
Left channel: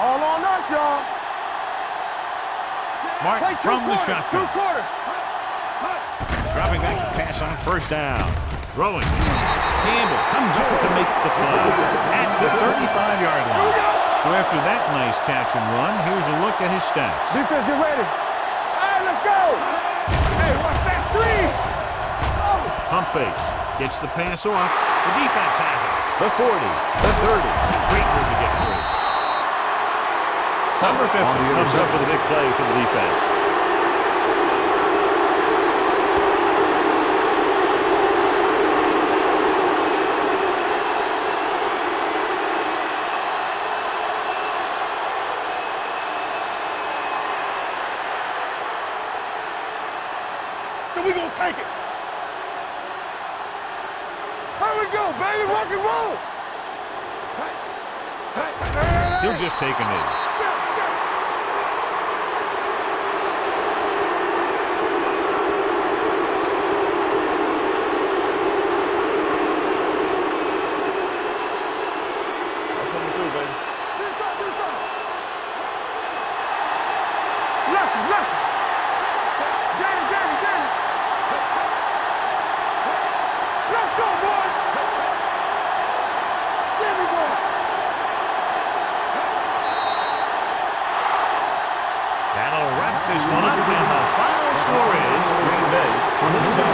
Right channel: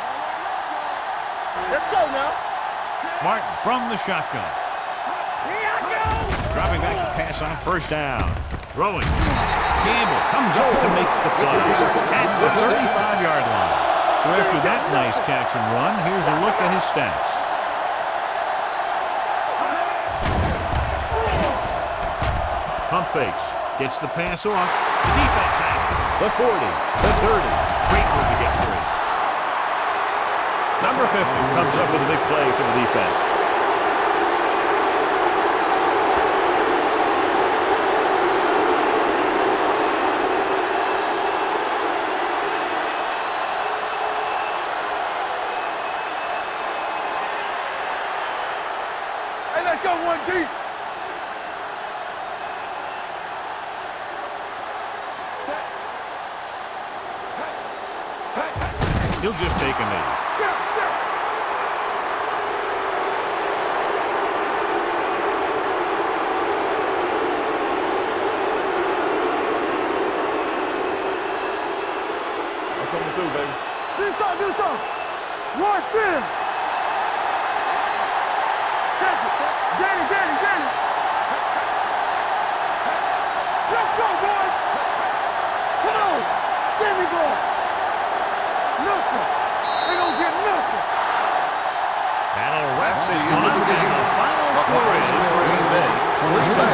All on us, y'all. Let's go now. Martin from the shotgun. Dropping back to pass on first down. Throwing. Campbell comes up to make the play at the 35-yard line. So after that nice catch and run, here's a look at his stats. Defense, get ready. Hey, let's go. Pump fakes. Gets the pass off. The defense has it. The 40. The 30. Great move to get free. Number 50 comes up with a big play for the defense. Hey, let's go one deep. So we gonna take it. Here we go, baby. Rock and roll. Hey. Hey. Hey. He'll just take a knee. Yeah, yeah. I'm coming through, baby. Do something. Rush in. Left it. Check it. Get it. Hey, hey. Hey. Let's go, boys. Hey, hey. Come on. There we go. Nothing. We don't get nothing. That'll wrap this one up, and the final score is Green Bay 27,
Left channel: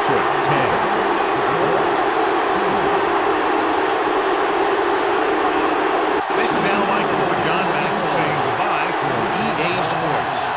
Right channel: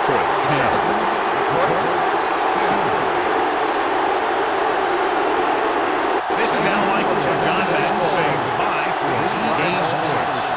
Detroit 10. This is Al Michaels with John Madden saying goodbye for EA Sports.